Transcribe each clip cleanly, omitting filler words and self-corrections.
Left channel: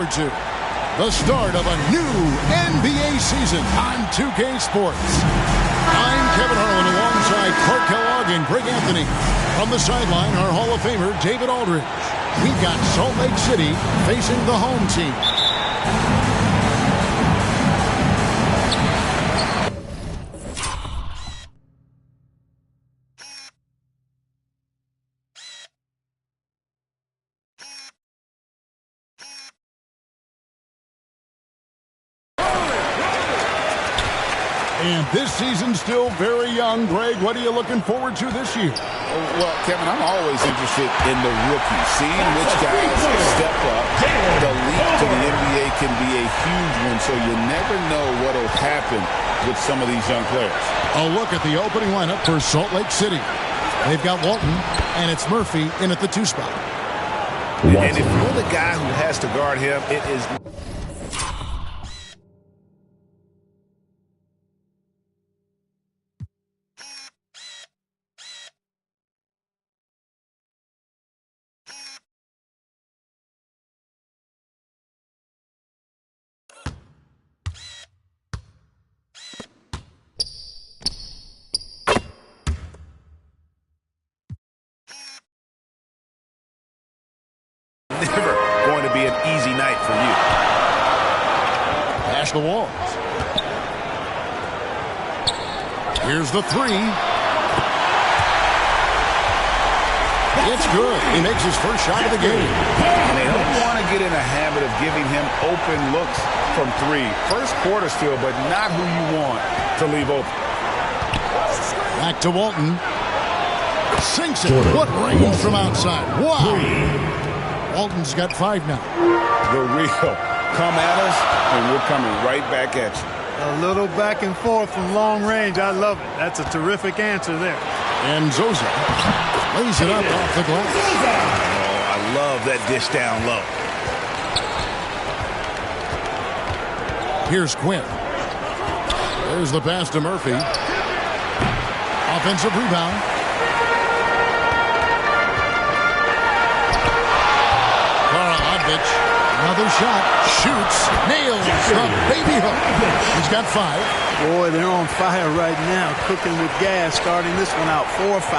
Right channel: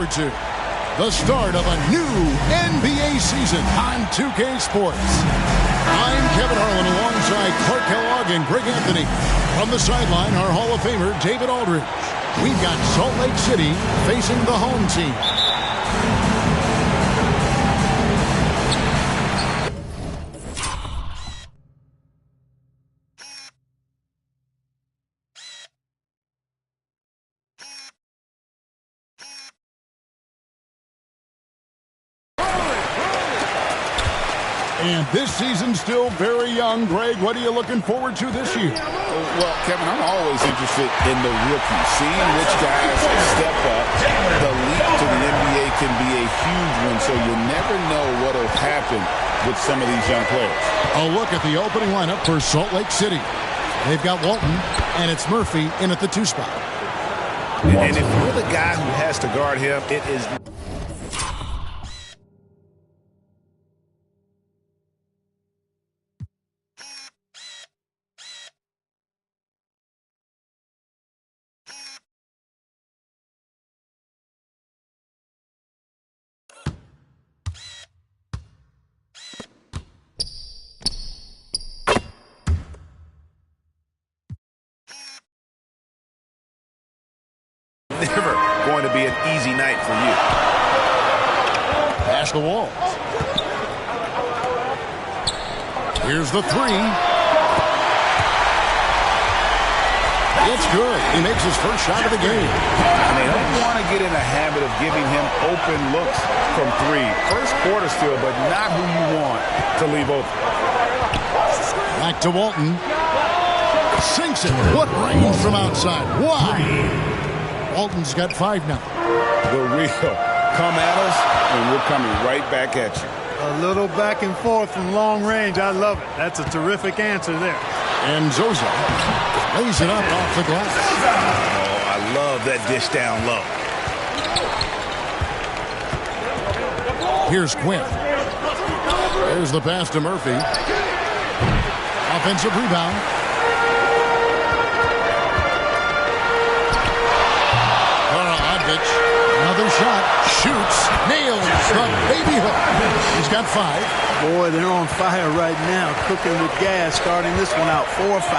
To the start of a new NBA season on 2K Sports. I'm Kevin Harlan alongside Clark Kellogg and Greg Anthony. From the sideline, our Hall of Famer, David Aldridge. We've got Salt Lake City facing the home team. And this season's still very young. Greg, what are you looking forward to this year? Well, Kevin, I'm always interested in the rookies, seeing which guys step up. The leap to the NBA can be a huge one, so you never know what will happen with some of these young players. A look at the opening lineup for Salt Lake City. They've got Walton, and it's Murphy in at the 2 spot. And if you're the guy who has to guard him, it is... never going to be an easy night for you. Pass the walls. Here's the 3. It's good. He makes his first shot of the game. And they don't want to get in a habit of giving him open looks from 3. First quarter still, but not who you want to leave open. Back to Walton. Sinks it. What range from outside. Wow. Walton's got 5 now. The real come at us, and we're coming right back at you. A little back and forth from long range. I love it. That's a terrific answer there. And Zoza lays it up off the glass. Oh, I love that dish down low. Here's Quinn. There's the pass to Murphy. Offensive rebound. Another shot, shoots, nails the baby hook. He's got 5. Boy, they're on fire right now, cooking with gas, starting this one out 4 or 5.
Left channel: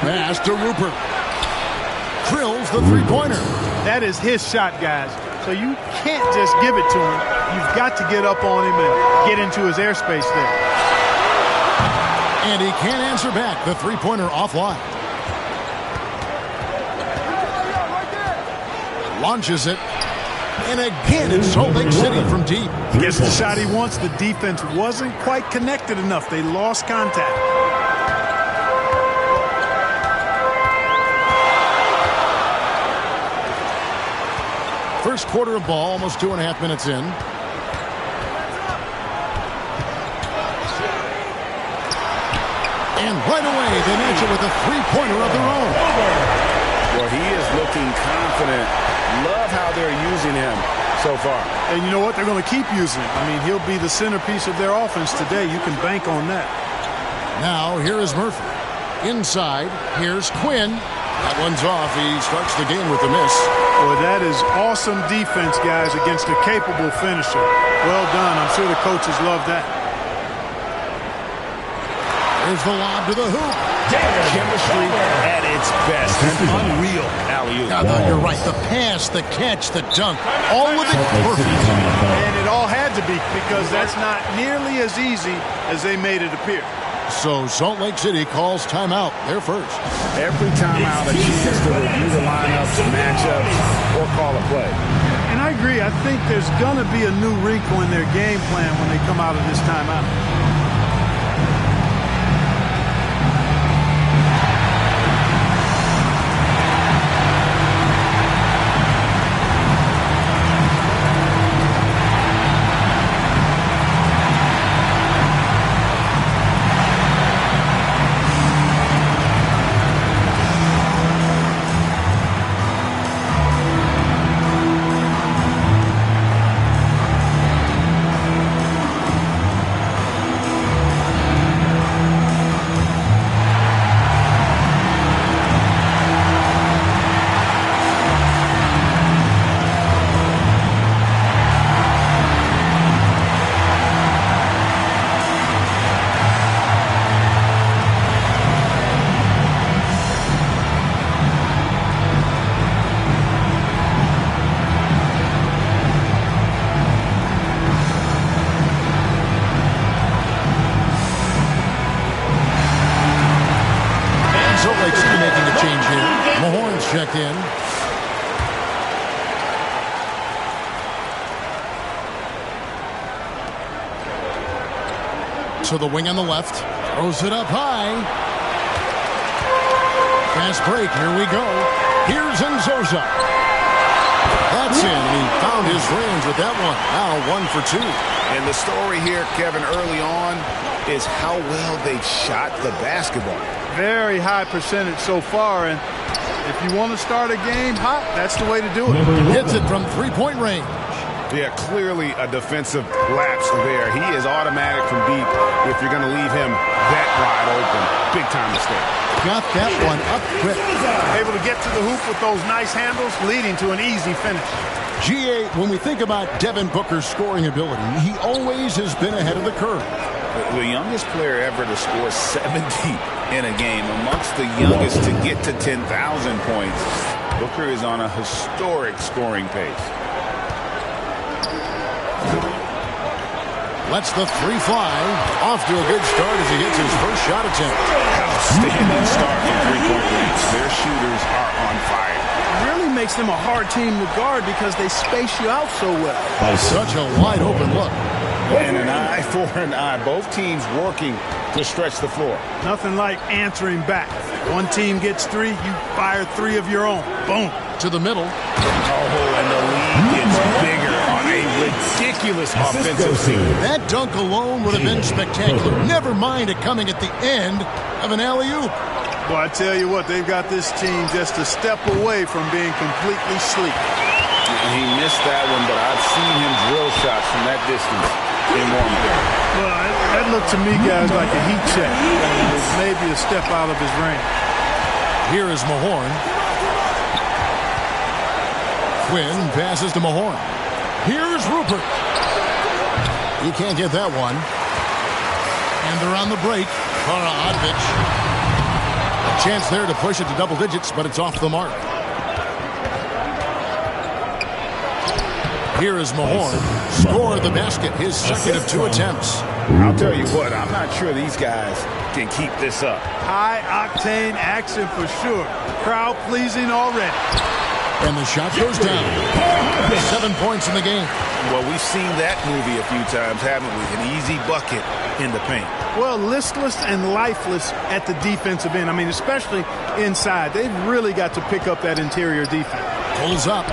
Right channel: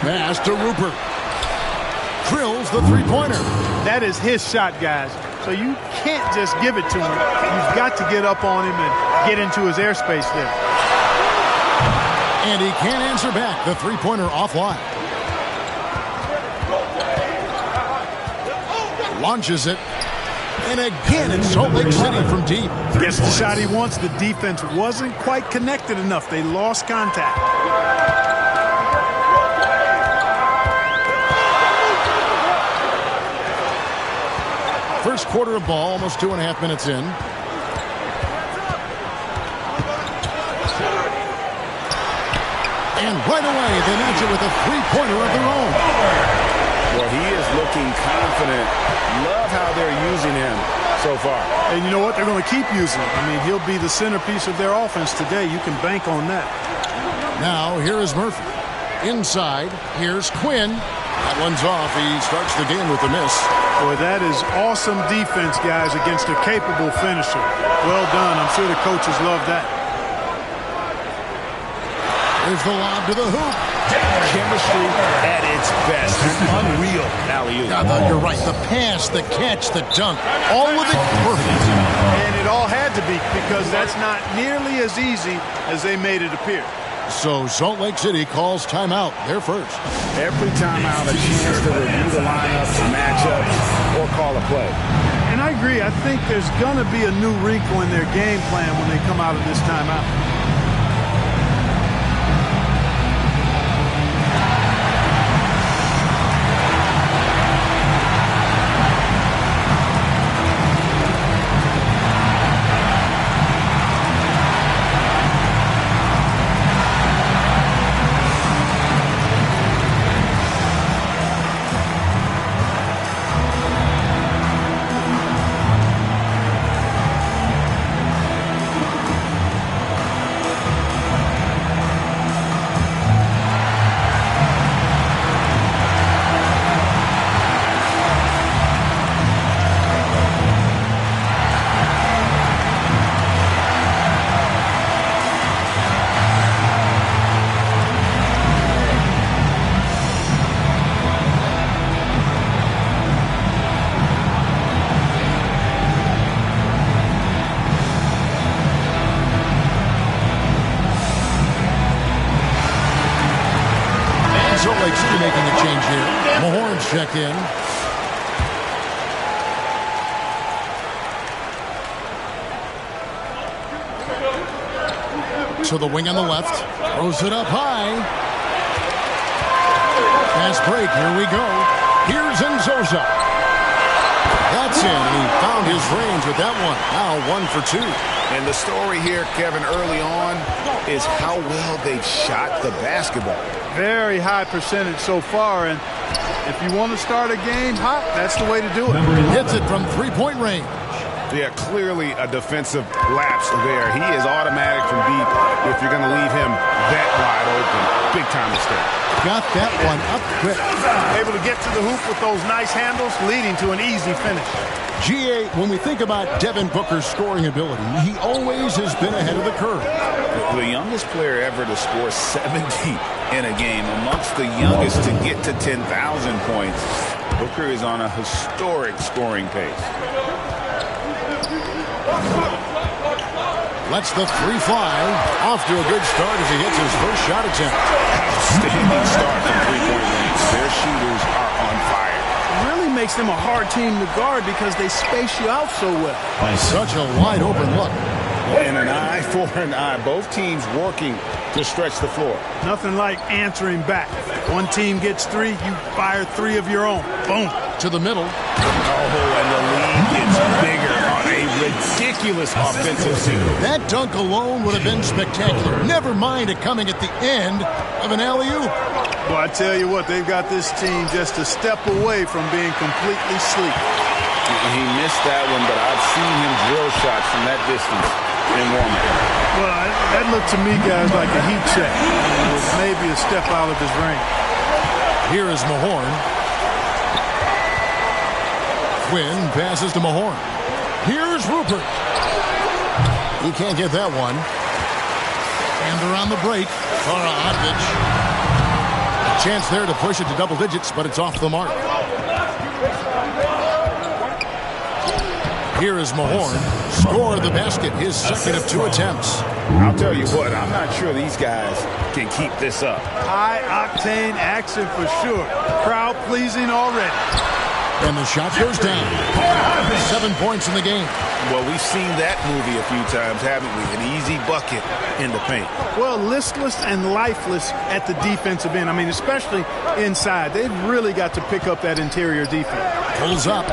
Pass to Rupert. Drills the 3-pointer. That is his shot, guys. So you can't just give it to him. You've got to get up on him and get into his airspace there. And he can't answer back. The 3-pointer offline. Launches it. And again, it's Salt Lake City from deep. Gets the shot he wants. The defense wasn't quite connected enough. They lost contact. First quarter of ball, almost 2.5 minutes in. And right away, they match it with a 3-pointer of their own. Well, he is looking confident. Love how they're using him so far. And you know what? They're going to keep using him. I mean, he'll be the centerpiece of their offense today. You can bank on that. Now, here is Murphy. Inside, here's Quinn. That one's off. He starts the game with a miss. Boy, that is awesome defense, guys, against a capable finisher. Well done. I'm sure the coaches love that. There's the lob to the hoop. Chemistry at its best. An unreal alley-oop. You're right. The pass, the catch, the dunk, all of it perfect. And it all had to be, because that's not nearly as easy as they made it appear. So Salt Lake City calls timeout. They're first. Every timeout, a chance to review the lineups, matchups, or call a play. And I agree. I think there's going to be a new wrinkle in their game plan when they come out of this timeout. Rupert checked in. To the wing on the left. Throws it up high. Fast break. Here we go. Here's Nzosa. That's in, and he found his range with that one. Now 1 for 2. And the story here, Kevin, early on is how well they've shot the basketball. Very high percentage so far, and if you want to start a game hot, that's the way to do it. Hits it from three-point range. Yeah, clearly a defensive lapse there. He is automatic from deep if you're going to leave him that wide open. Big time mistake. Got that one up quick. Able to get to the hoop with those nice handles, leading to an easy finish. GA, when we think about Devin Booker's scoring ability, he always has been ahead of the curve. The youngest player ever to score 70 in a game, amongst the youngest to get to 10,000 points. Booker is on a historic scoring pace. Lets the three fly. Off to a good start as he hits his first shot attempt. Outstanding start from three-point range. Their shooters are on fire. It really makes them a hard team to guard because they space you out so well. Such a wide open look. And an eye for an eye. Both teams working to stretch the floor. Nothing like answering back. One team gets 3, you fire 3 of your own. Boom. To the middle. Oh, and the lead gets bigger on a ridiculous offensive sequence. That dunk alone would have been spectacular. Never mind it coming at the end of an alley-oop. Well, I tell you what, they've got this team just a step away from being completely sleep. He missed that one, but I've seen him drill shots from that distance in warm-up. Well, that looked to me, guys, like a heat check. It was maybe a step out of his range. Here is Mahorn. Quinn passes to Mahorn. Here's Rupert. He can't get that one. And they're on the break. Kara Odvich. A chance there to push it to double digits, but it's off the mark. Here is Mahorn. Scored the basket, his second of 2 attempts. I'll tell you what, I'm not sure these guys can keep this up. High-octane action for sure. Crowd-pleasing already. And the shot goes down. 7 points in the game. Well, we've seen that movie a few times, haven't we? An easy bucket in the paint. Well, listless and lifeless at the defensive end. I mean, especially inside. They've really got to pick up that interior defense. Pulls up.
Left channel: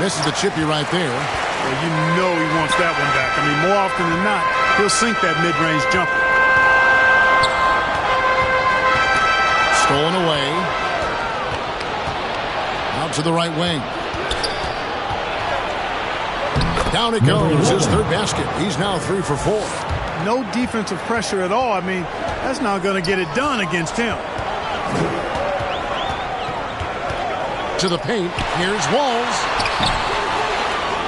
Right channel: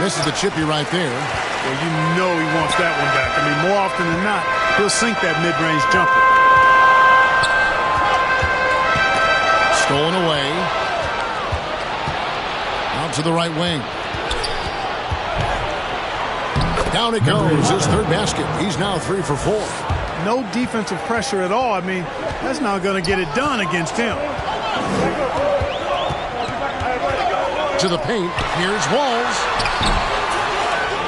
Misses the chippy right there. Well, you know he wants that one back. I mean, more often than not, he'll sink that mid-range jumper. Stolen away. Out to the right wing. Down it goes. His third basket. He's now 3 for 4. No defensive pressure at all. I mean, that's not going to get it done against him. To the paint. Here's Walls.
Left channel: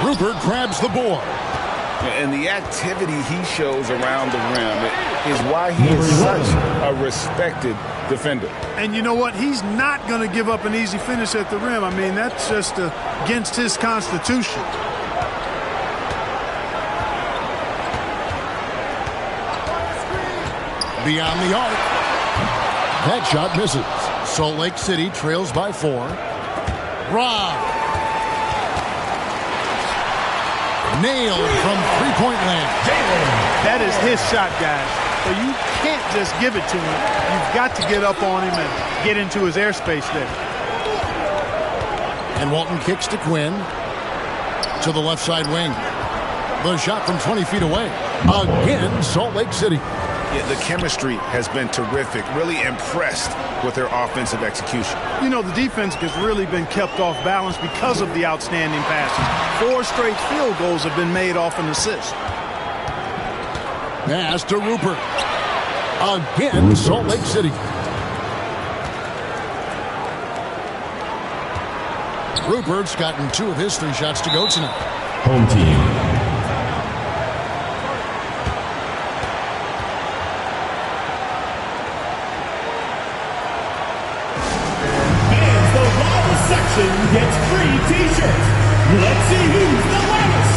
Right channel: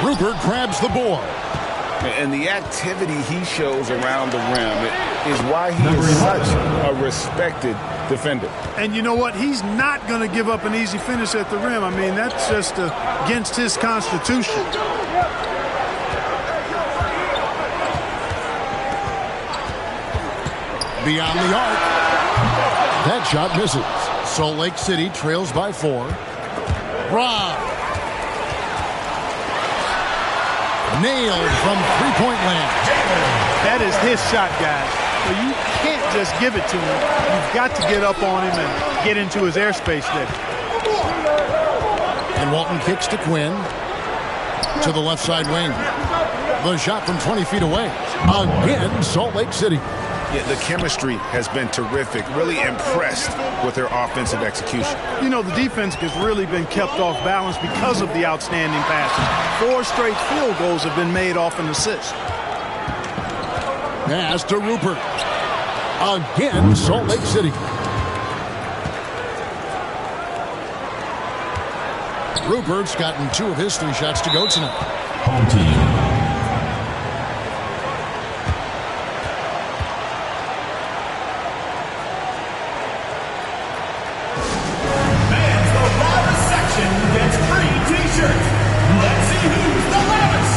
Rupert grabs the board. And the activity he shows around the rim is why he is such a respected defender. And you know what? He's not going to give up an easy finish at the rim. I mean, that's just against his constitution. Beyond the arc. That shot misses. Salt Lake City trails by 4. Rob. Nailed from three-point land. That is his shot, guys. So you can't just give it to him. You've got to get up on him and get into his airspace there. And Walton kicks to Quinn. To the left side wing. The shot from 20 feet away. Again, Salt Lake City. Yeah, the chemistry has been terrific. Really impressed with their offensive execution. You know, the defense has really been kept off balance because of the outstanding passes. 4 straight field goals have been made off an assist. Pass to Rupert. Again, Salt Lake City. Rupert's gotten 2 of his 3 shots to go tonight. Home team. Gets free t-shirts. Let's see who's the loudest.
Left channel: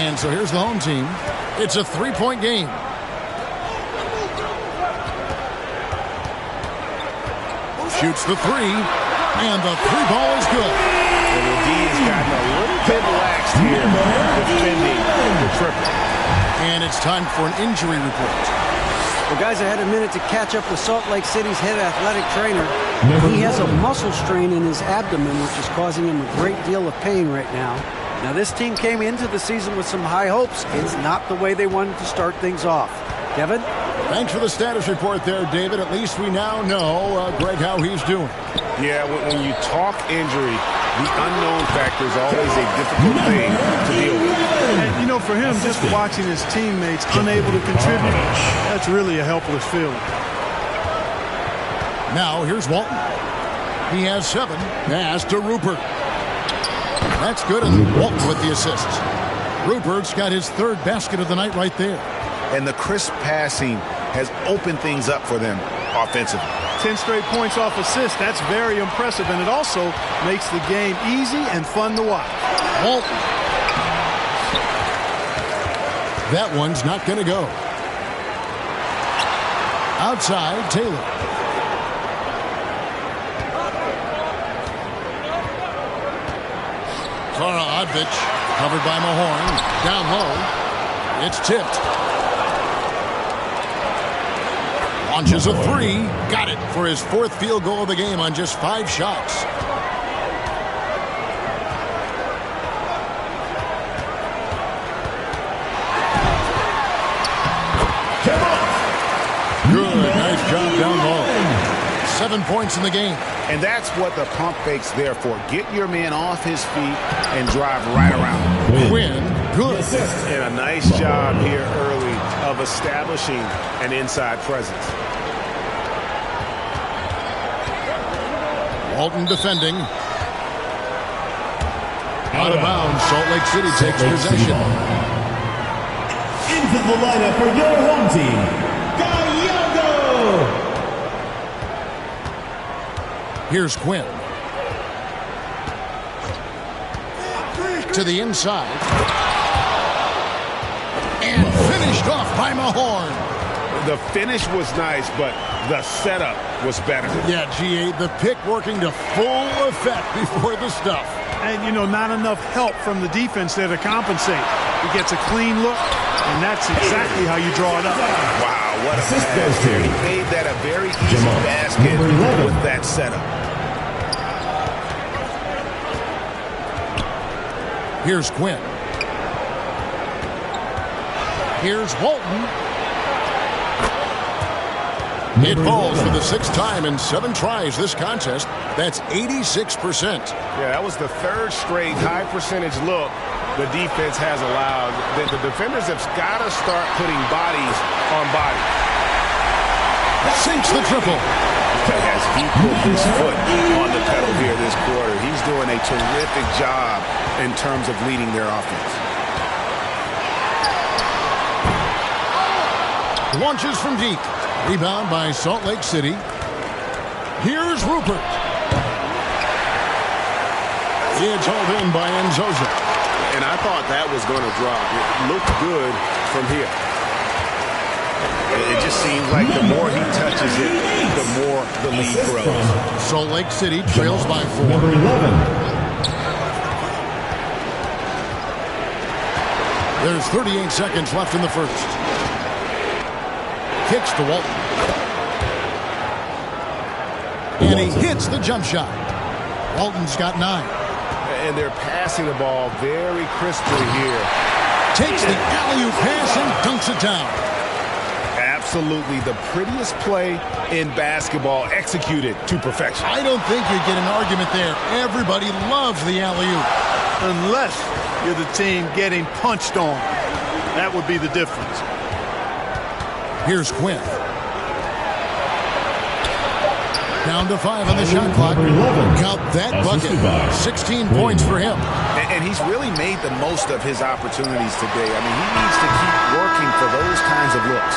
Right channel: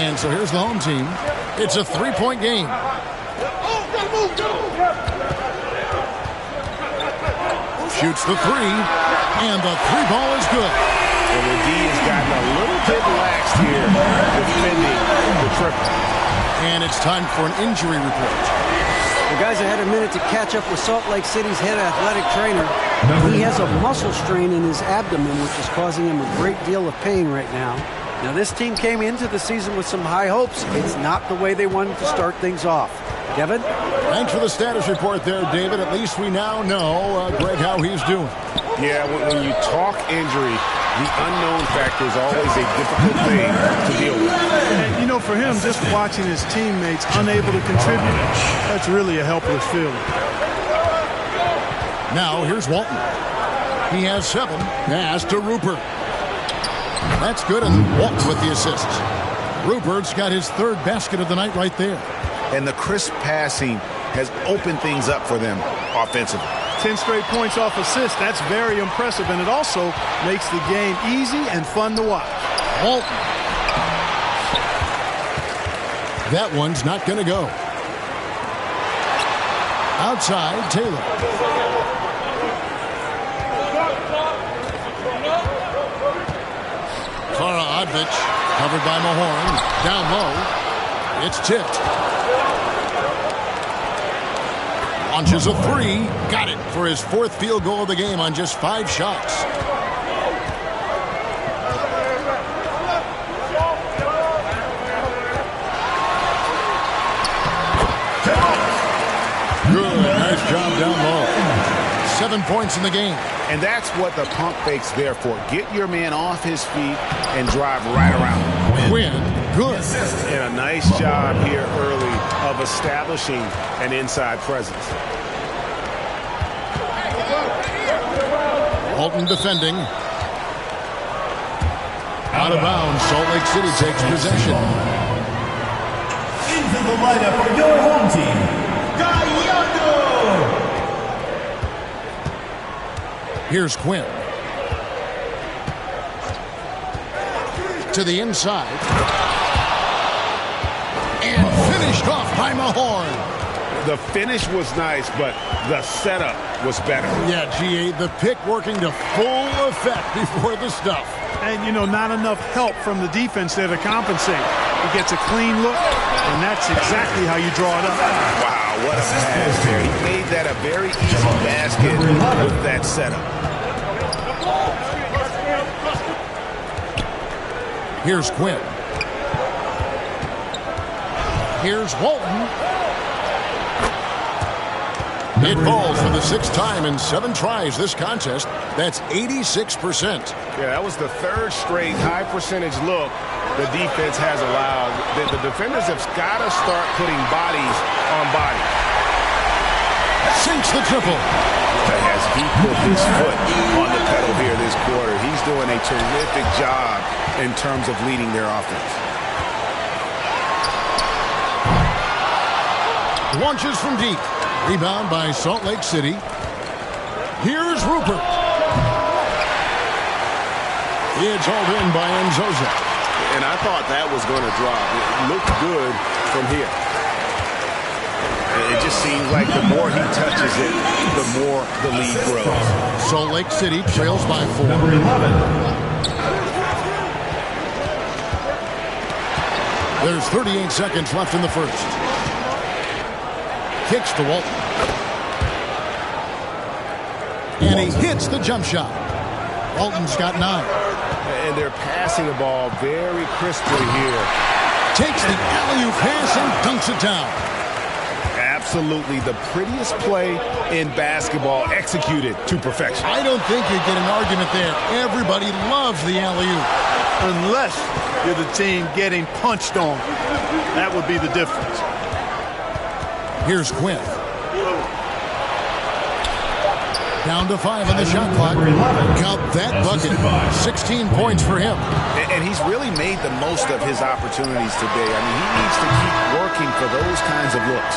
And so here's the home team. It's a 3-point game. Shoots the three, and the three ball is good. And the D has gotten a little bit lax here defending the triple. And it's time for an injury report. Well, guys, I had a minute to catch up with Salt Lake City's head athletic trainer. He has a muscle strain in his abdomen, which is causing him a great deal of pain right now. Now, this team came into the season with some high hopes. It's not the way they wanted to start things off. Kevin? Thanks for the status report there, David. At least we now know, Greg, how he's doing. Yeah, when you talk injury, the unknown factor is always a difficult thing to deal with. And, you know, for him, just watching his teammates unable to contribute, that's really a helpless feeling. Now, here's Walton. He has 7. Pass to Rupert. That's good, and Walton with the assists. Rupert's got his 3rd basket of the night right there. And the crisp passing has opened things up for them offensively. 10 straight points off assists. That's very impressive, and it also makes the game easy and fun to watch. Walton. That one's not going to go. Outside, Taylor. Kara Odvich, covered by Mahorn. Down low. It's tipped. Launches a 3. Got it for his 4th field goal of the game on just 5 shots. Good. Nice job down low. 7 points in the game. And that's what the pump fake's there for. Get your man off his feet and drive right around him. Quinn, good. And a nice job here early of establishing an inside presence. Walton defending. Out of bounds. Salt Lake City takes possession. Into the lineup for your home team, Gallardo. Here's Quinn. To the inside. And finished off by Mahorn. The finish was nice, but the setup was better. Yeah, GA, the pick working to full effect before the stuff. And, you know, not enough help from the defense there to compensate. He gets a clean look, and that's exactly how you draw it up. Wow, what a pass there. He made that a very easy basket with that setup. Here's Quinn. Here's Walton. It falls for the 6th time in 7 tries this contest. That's 86%. Yeah, that was the 3rd straight high percentage look the defense has allowed. The defenders have got to start putting bodies on bodies. Sinks the triple. As he put his foot on the pedal here this quarter, he's doing a terrific job in terms of leading their offense. Launches from deep. Rebound by Salt Lake City. Here's Rupert. It's hauled in by Enzoza. And I thought that was going to drop. It looked good from here. It just seems like the more he touches it, the more the lead grows. Salt Lake City trails by 4. Number 11. There's 38 seconds left in the first. Kicks to Walton. And he hits the jump shot. Walton's got 9. And they're passing the ball very crisply here. Takes the alley-oop pass and dunks it down. Absolutely the prettiest play in basketball, executed to perfection. I don't think you'd get an argument there. Everybody loves the alley-oop. Unless you're the team getting punched on. That would be the difference. Here's Quinn. Down to 5 on the shot clock. Count that bucket. 16 points for him. And he's really made the most of his opportunities today. I mean, he needs to keep working for those kinds of looks.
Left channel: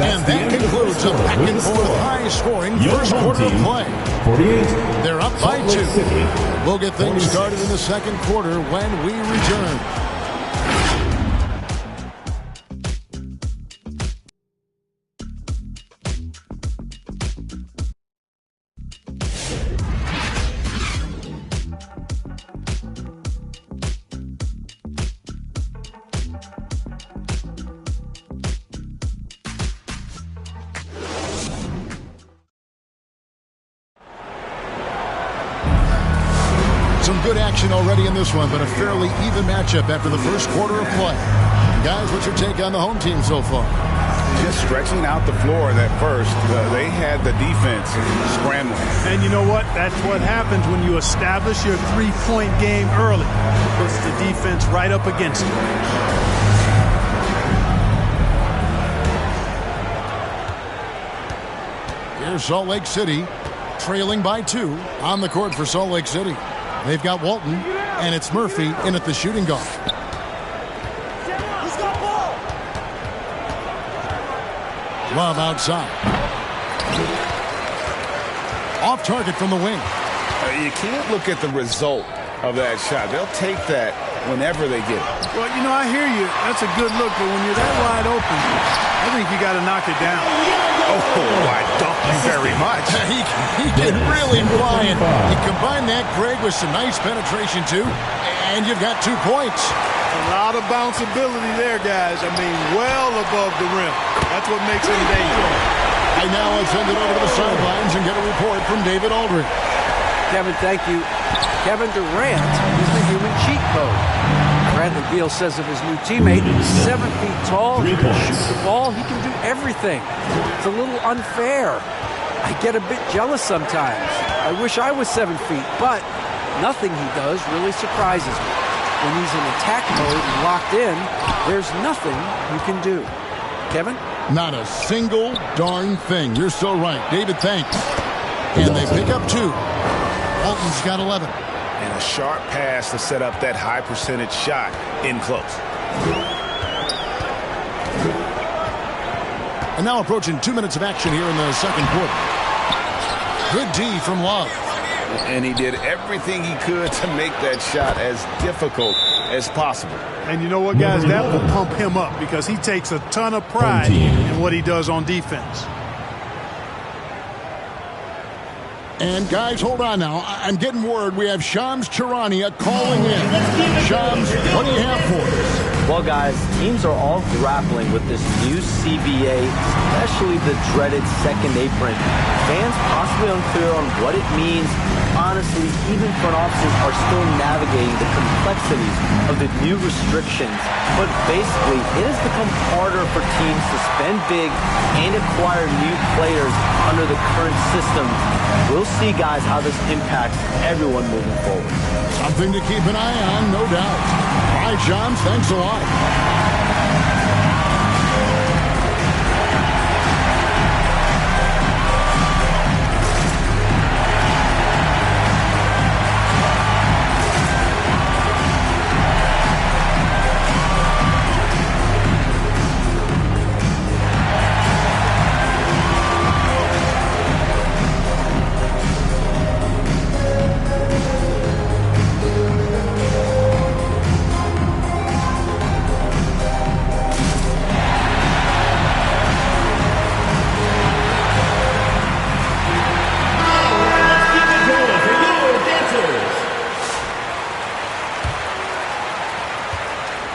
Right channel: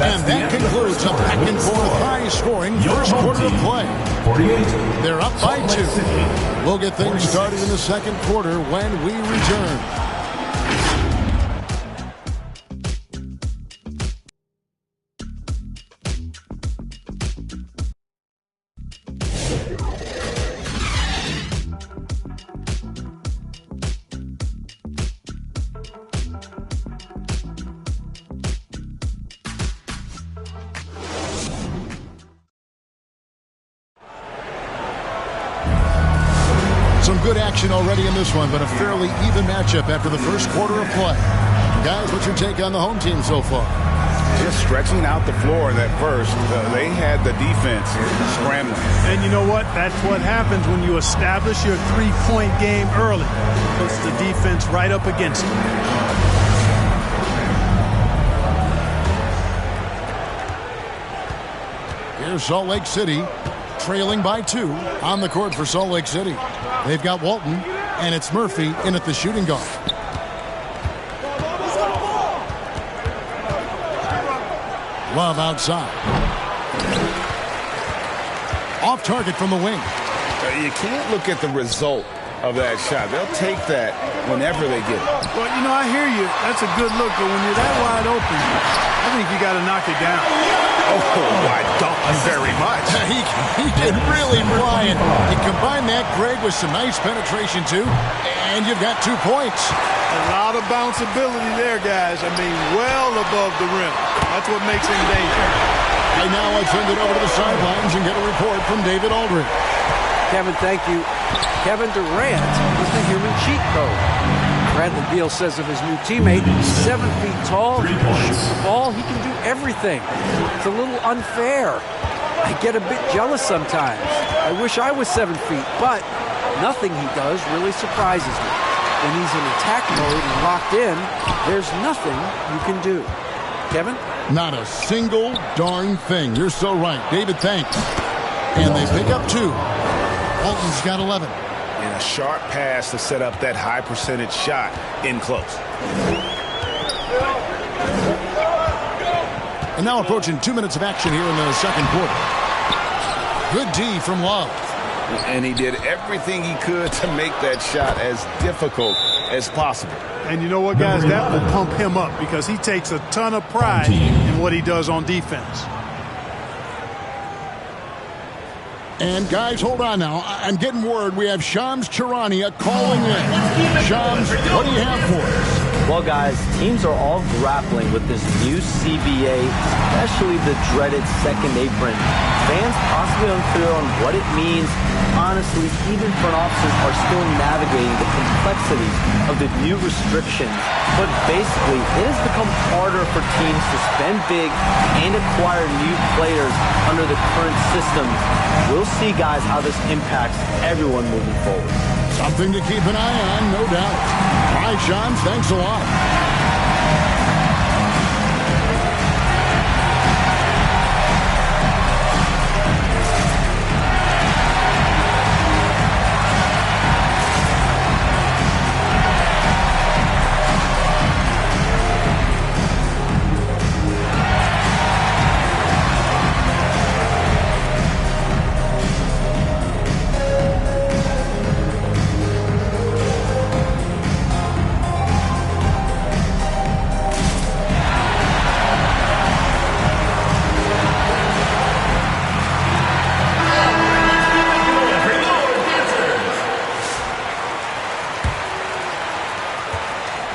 And that concludes a back-and-forth, high-scoring first quarter of play. 48. They're up by 2. We'll get things started in the second quarter when we return. Some good action already in this one, but a fairly even matchup after the first quarter of play. Guys, what's your take on the home team so far? Just stretching out the floor in that first. They had the defense scrambling. And you know what? That's what happens when you establish your three-point game early. Puts the defense right up against it. Here's Salt Lake City, trailing by 2 on the court for Salt Lake City. They've got Walton, and it's Murphy in at the shooting guard. Love outside. Off target from the wing. You can't look at the result of that shot. They'll take that whenever they get it. Well, you know, I hear you. That's a good look, but when you're that wide open, I think you got to knock it down. Oh, I thank you very much. He can really fly, and you combine that, Greg, with some nice penetration, too, and you've got 2 points. A lot of bounceability there, guys. I mean, well above the rim. That's what makes him dangerous. Right now, let's send it over to the sidelines and get a report from David Aldridge. Kevin, thank you. Kevin Durant is the human cheat code. Bradley Beal says of his new teammate, he's 7 feet tall, he can shoot the ball, he can do everything. It's a little unfair. I get a bit jealous sometimes. I wish I was 7 feet, but nothing he does really surprises me. When he's in attack mode and locked in, there's nothing you can do. Kevin? Not a single darn thing. You're so right. David, thanks. And they pick up 2. Walton's got 11. And a sharp pass to set up that high percentage shot in close. And now approaching 2 minutes of action here in the second quarter. Good D from Love. And he did everything he could to make that shot as difficult as possible. And you know what, guys? That will pump him up because he takes a ton of pride in what he does on defense. And guys, hold on now. I'm getting word we have Shams Charania calling in. Shams, what do you have for us? Well, guys, teams are all grappling with this new CBA, especially the dreaded second apron. Fans possibly unclear on what it means. Honestly, even front offices are still navigating the complexities of the new restrictions. But basically, it has become harder for teams to spend big and acquire new players under the current systems. We'll see, guys, how this impacts everyone moving forward. Something to keep an eye on, no doubt. All right, Shams, thanks a lot.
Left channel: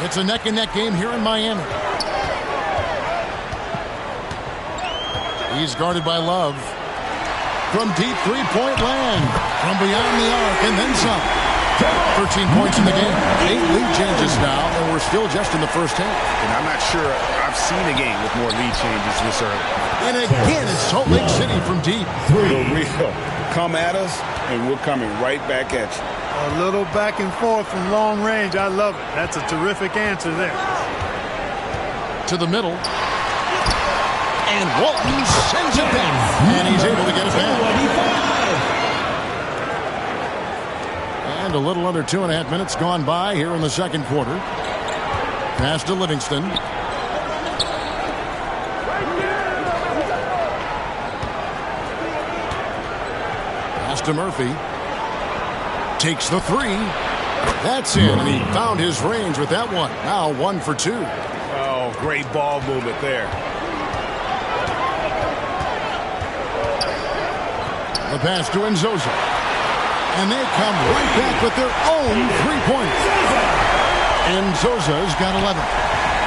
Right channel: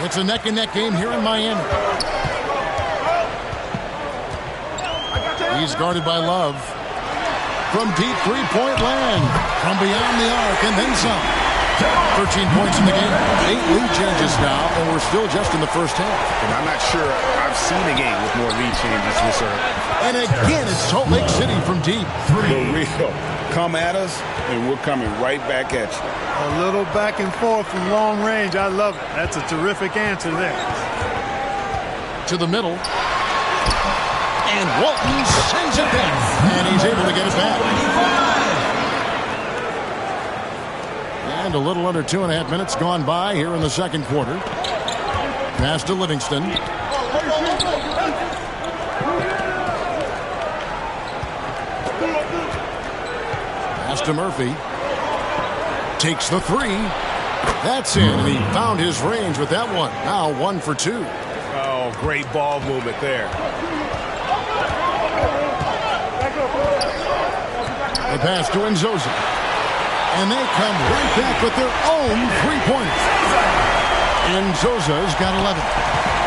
It's a neck-and-neck game here in Miami. He's guarded by Love. From deep three-point land. From beyond the arc, and then some. 13 points in the game. 8 lead changes now, and we're still just in the first half. And I'm not sure I've seen a game with more lead changes this early. And again, it's Salt Lake City from deep. The real. Come at us, and we're coming right back at you. A little back and forth from long range. I love it. That's a terrific answer there. To the middle. And Walton sends it back. And he's able to get it back. And a little under 2.5 minutes gone by here in the second quarter. Pass to Livingston. Pass to Murphy. Takes the three. That's in, and he found his range with that one. Now 1 for 2. Oh, great ball movement there. The pass to Nzosa. And they come right back with their own three-pointer. Nzosa's got 11.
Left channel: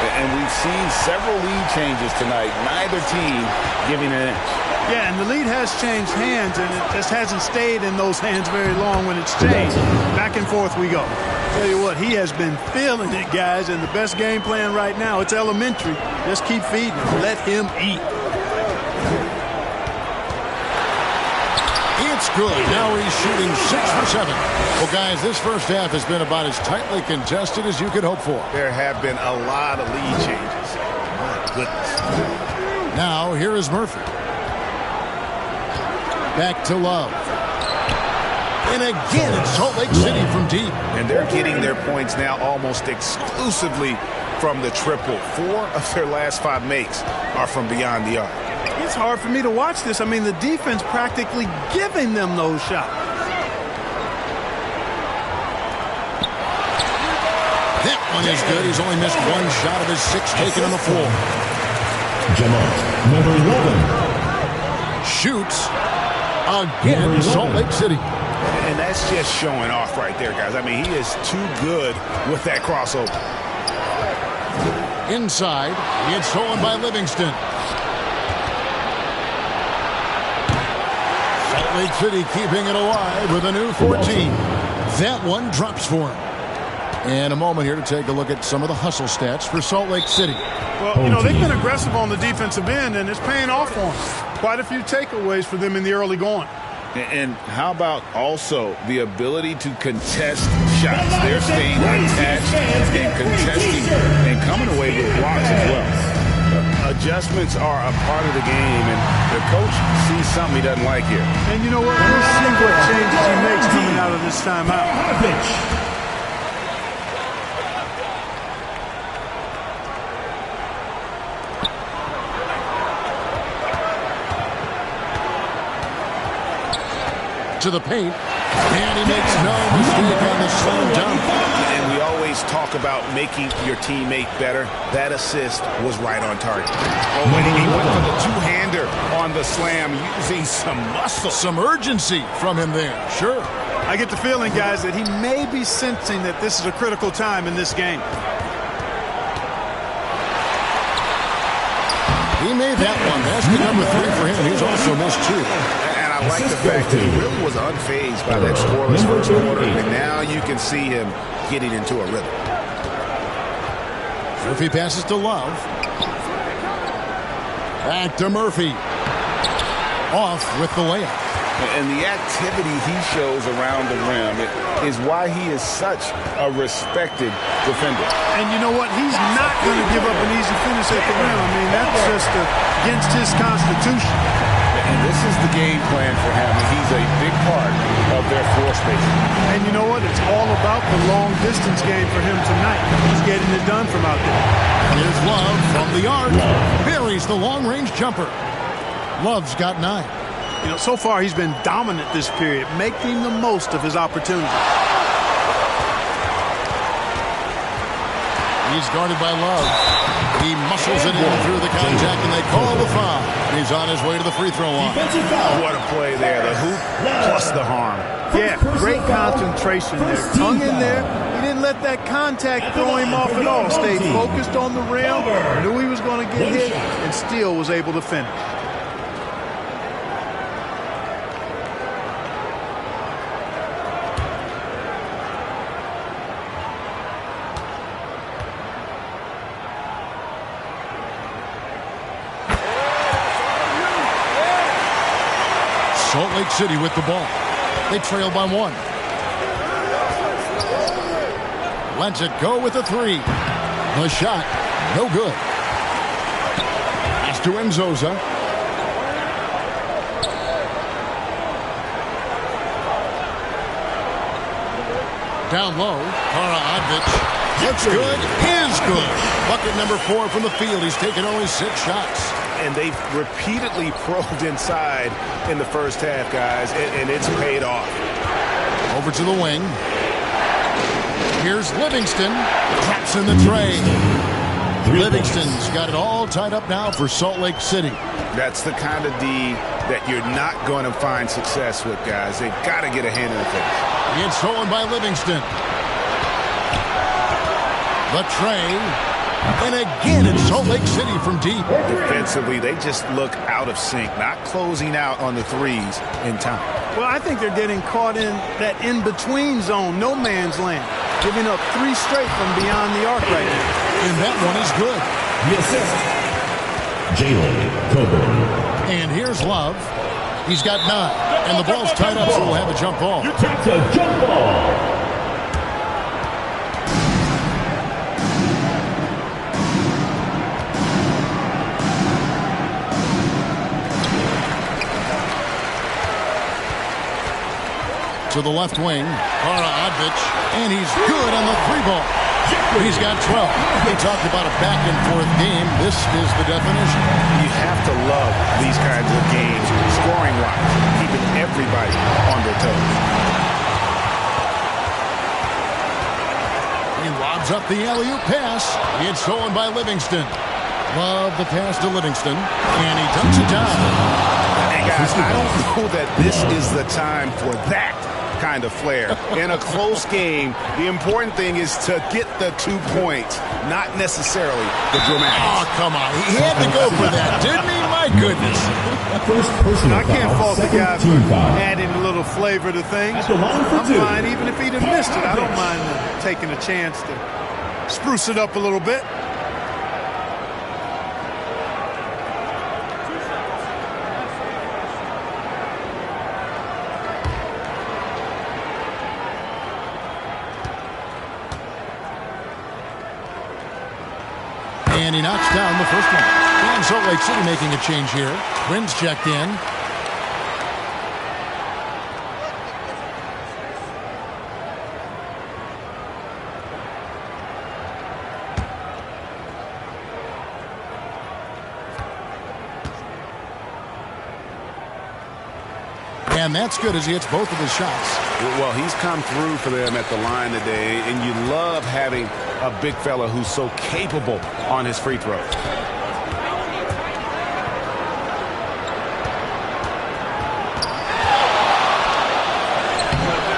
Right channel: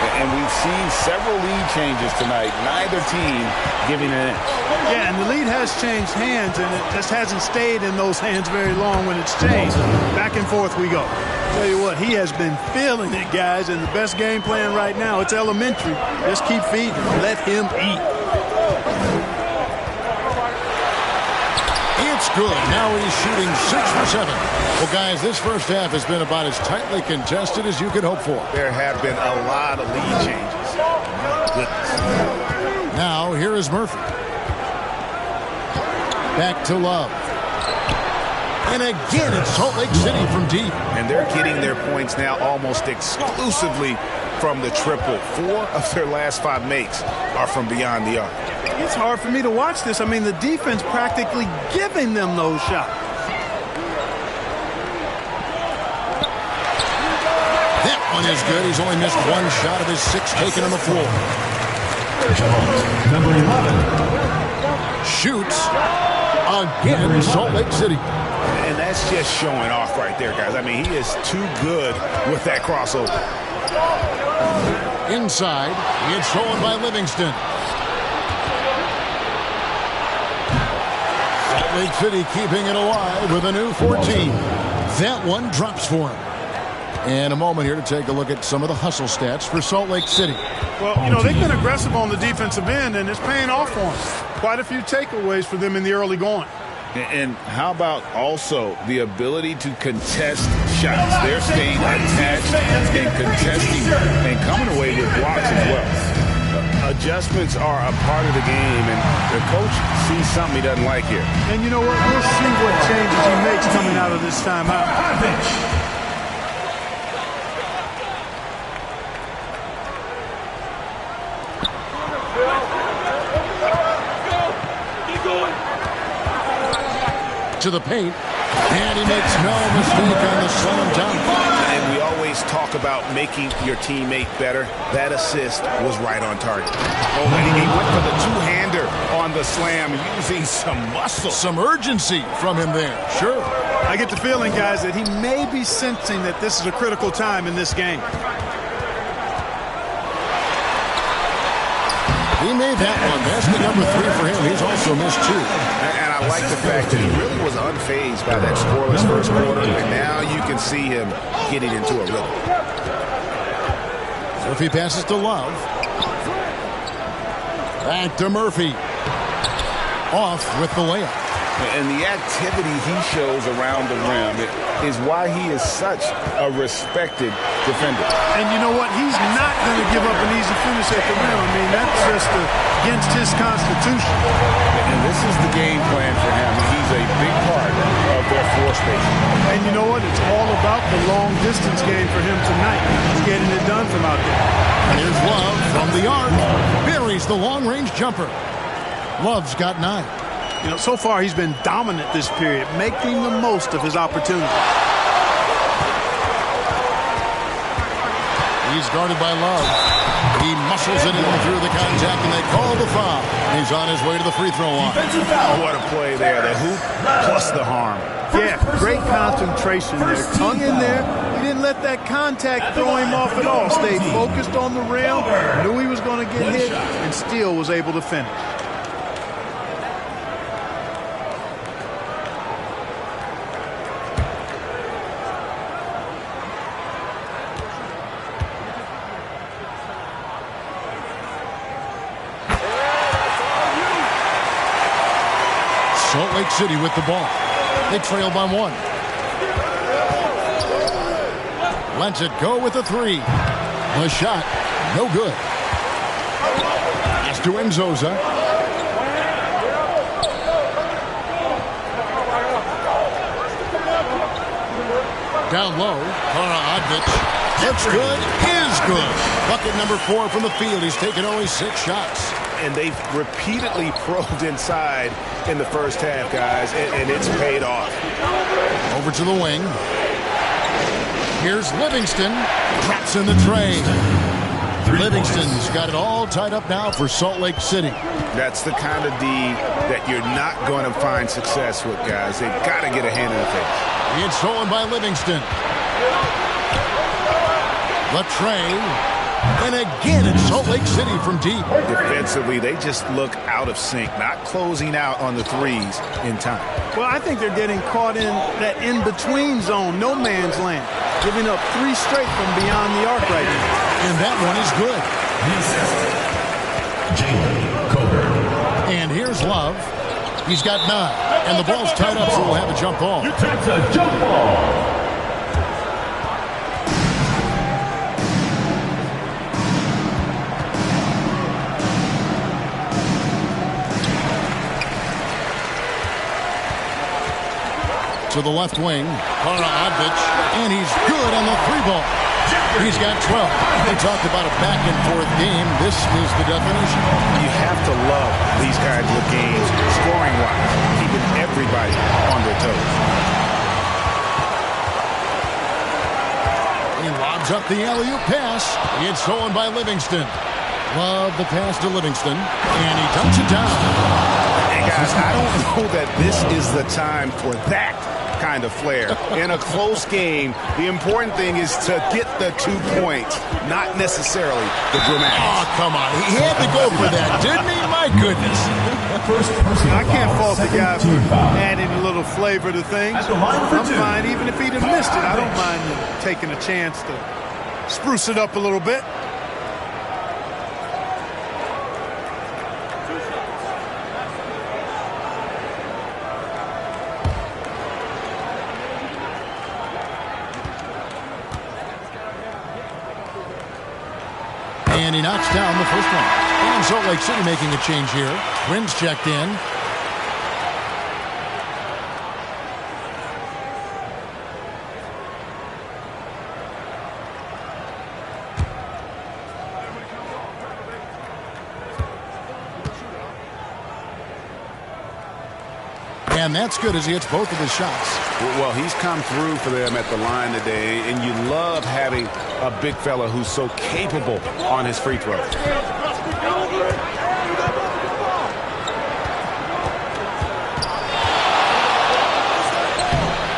And we've seen several lead changes tonight. Neither team giving an inch. Yeah, and the lead has changed hands, and it just hasn't stayed in those hands very long when it's changed. Back and forth we go. Tell you what, he has been feeling it, guys, and the best game plan right now, it's elementary. Just keep feeding him. Let him eat. It's good. Now he's shooting 6 for 7. Well, guys, this first half has been about as tightly contested as you could hope for. There have been a lot of lead changes. My goodness. Now, here is Murphy. Back to Love. And again, it's Salt Lake City from deep. And they're getting their points now almost exclusively from the triple. 4 of their last 5 makes are from beyond the arc. It's hard for me to watch this. I mean, the defense practically giving them those shots. That one is good. He's only missed 1 shot of his 6 taken on the floor. Jamont, number 11. Shoots again, Salt Lake City. And that's just showing off right there, guys. I mean, he is too good with that crossover. Inside, it's stolen by Livingston. Salt Lake City keeping it alive with a new 14. That one drops for him. And a moment here to take a look at some of the hustle stats for Salt Lake City. Well, you know, they've been aggressive on the defensive end, and it's paying off for them. Quite a few takeaways for them in the early going. And how about also the ability to contest shots? They're staying attached and contesting and coming away with blocks as well. Adjustments are a part of the game, and the coach sees something he doesn't like here. And you know what? We'll see what changes he makes coming out of this timeout. To the paint, and he makes no mistake on the slam dunk. And we always talk about making your teammate better. That assist was right on target. Oh, and he went for the two-hander on the slam using some muscle. Some urgency from him there, sure. I get the feeling, guys, that he may be sensing that this is a critical time in this game. He made that one. Basket number 3 for him. He's also missed 2. And I like the fact that he really was unfazed by that scoreless first quarter, and now you can see him getting into a rhythm. Murphy passes to Love. Back to Murphy. Off with the layup. And the activity he shows around the rim is why he is such a respected defender. And you know what? He's not going to give up an easy finish at the rim. I mean, that's just against his constitution. And this is the game plan for him. He's a big part of their floor spacing. And you know what? It's all about the long-distance game for him tonight. He's getting it done from out there. And here's Love from the arc. Buries the long-range jumper. Love's got 9. You know, so far he's been dominant this period, making the most of his opportunities. He's guarded by Love. He muscles it in through the contact, and they call the foul. He's on his way to the free throw line. What a play there. The hoop plus the harm. Yeah, great concentration there. Hung in there. He didn't let that contact throw him off at all. Stayed focused on the rim, knew he was going to get hit, and still was able to finish. Salt Lake City with the ball. They trail by 1. Lets it go with a 3. The shot, no good. Pass to Enzoza. Down low, Kara Odvich. Looks good, is good. Bucket number 4 from the field. He's taken only 6 shots. And they've repeatedly probed inside in the first half, guys, and it's paid off. Over to the wing. Here's Livingston. Drops in the tray. Livingston's got it all tied up now for Salt Lake City. That's the kind of D that you're not going to find success with, guys. They've got to get a hand in the face. It's stolen by Livingston. The tray. And again, it's Salt Lake City from deep. Defensively, they just look out of sync, not closing out on the threes in time. Well, I think they're getting caught in that in-between zone, no man's land, giving up 3 straight from beyond the arc right now. And that one is good. The assist, Jalen Coburn. And here's Love. He's got 9. And the ball's tied up, so we'll have a jump ball. It's a jump ball. To the left wing, Kara Odvich, and he's good on the 3-ball. He's got 12. They talked about a back-and-forth game. This is the definition. You have to love these kinds of games, scoring-wise, keeping everybody on their toes. He lobs up the alley-oop pass. It's stolen by Livingston. Love the pass to Livingston, and he dumps it down. And guys, I don't know that this is the time for that kind of flair. In a close game, the important thing is to get the 2 points, not necessarily the dramatics. Oh, come on. He had to go for that, didn't he? My goodness. I can't fault the guy for adding a little flavor to things. I'm fine even if he'd have missed it. I don't mind taking a chance to spruce it up a little bit. And he knocks down the first one. And Salt Lake City making a change here. Quinn's checked in. And that's good as he hits both of his shots. Well, he's come through for them at the line today, and you love having a big fella who's so capable on his free throws.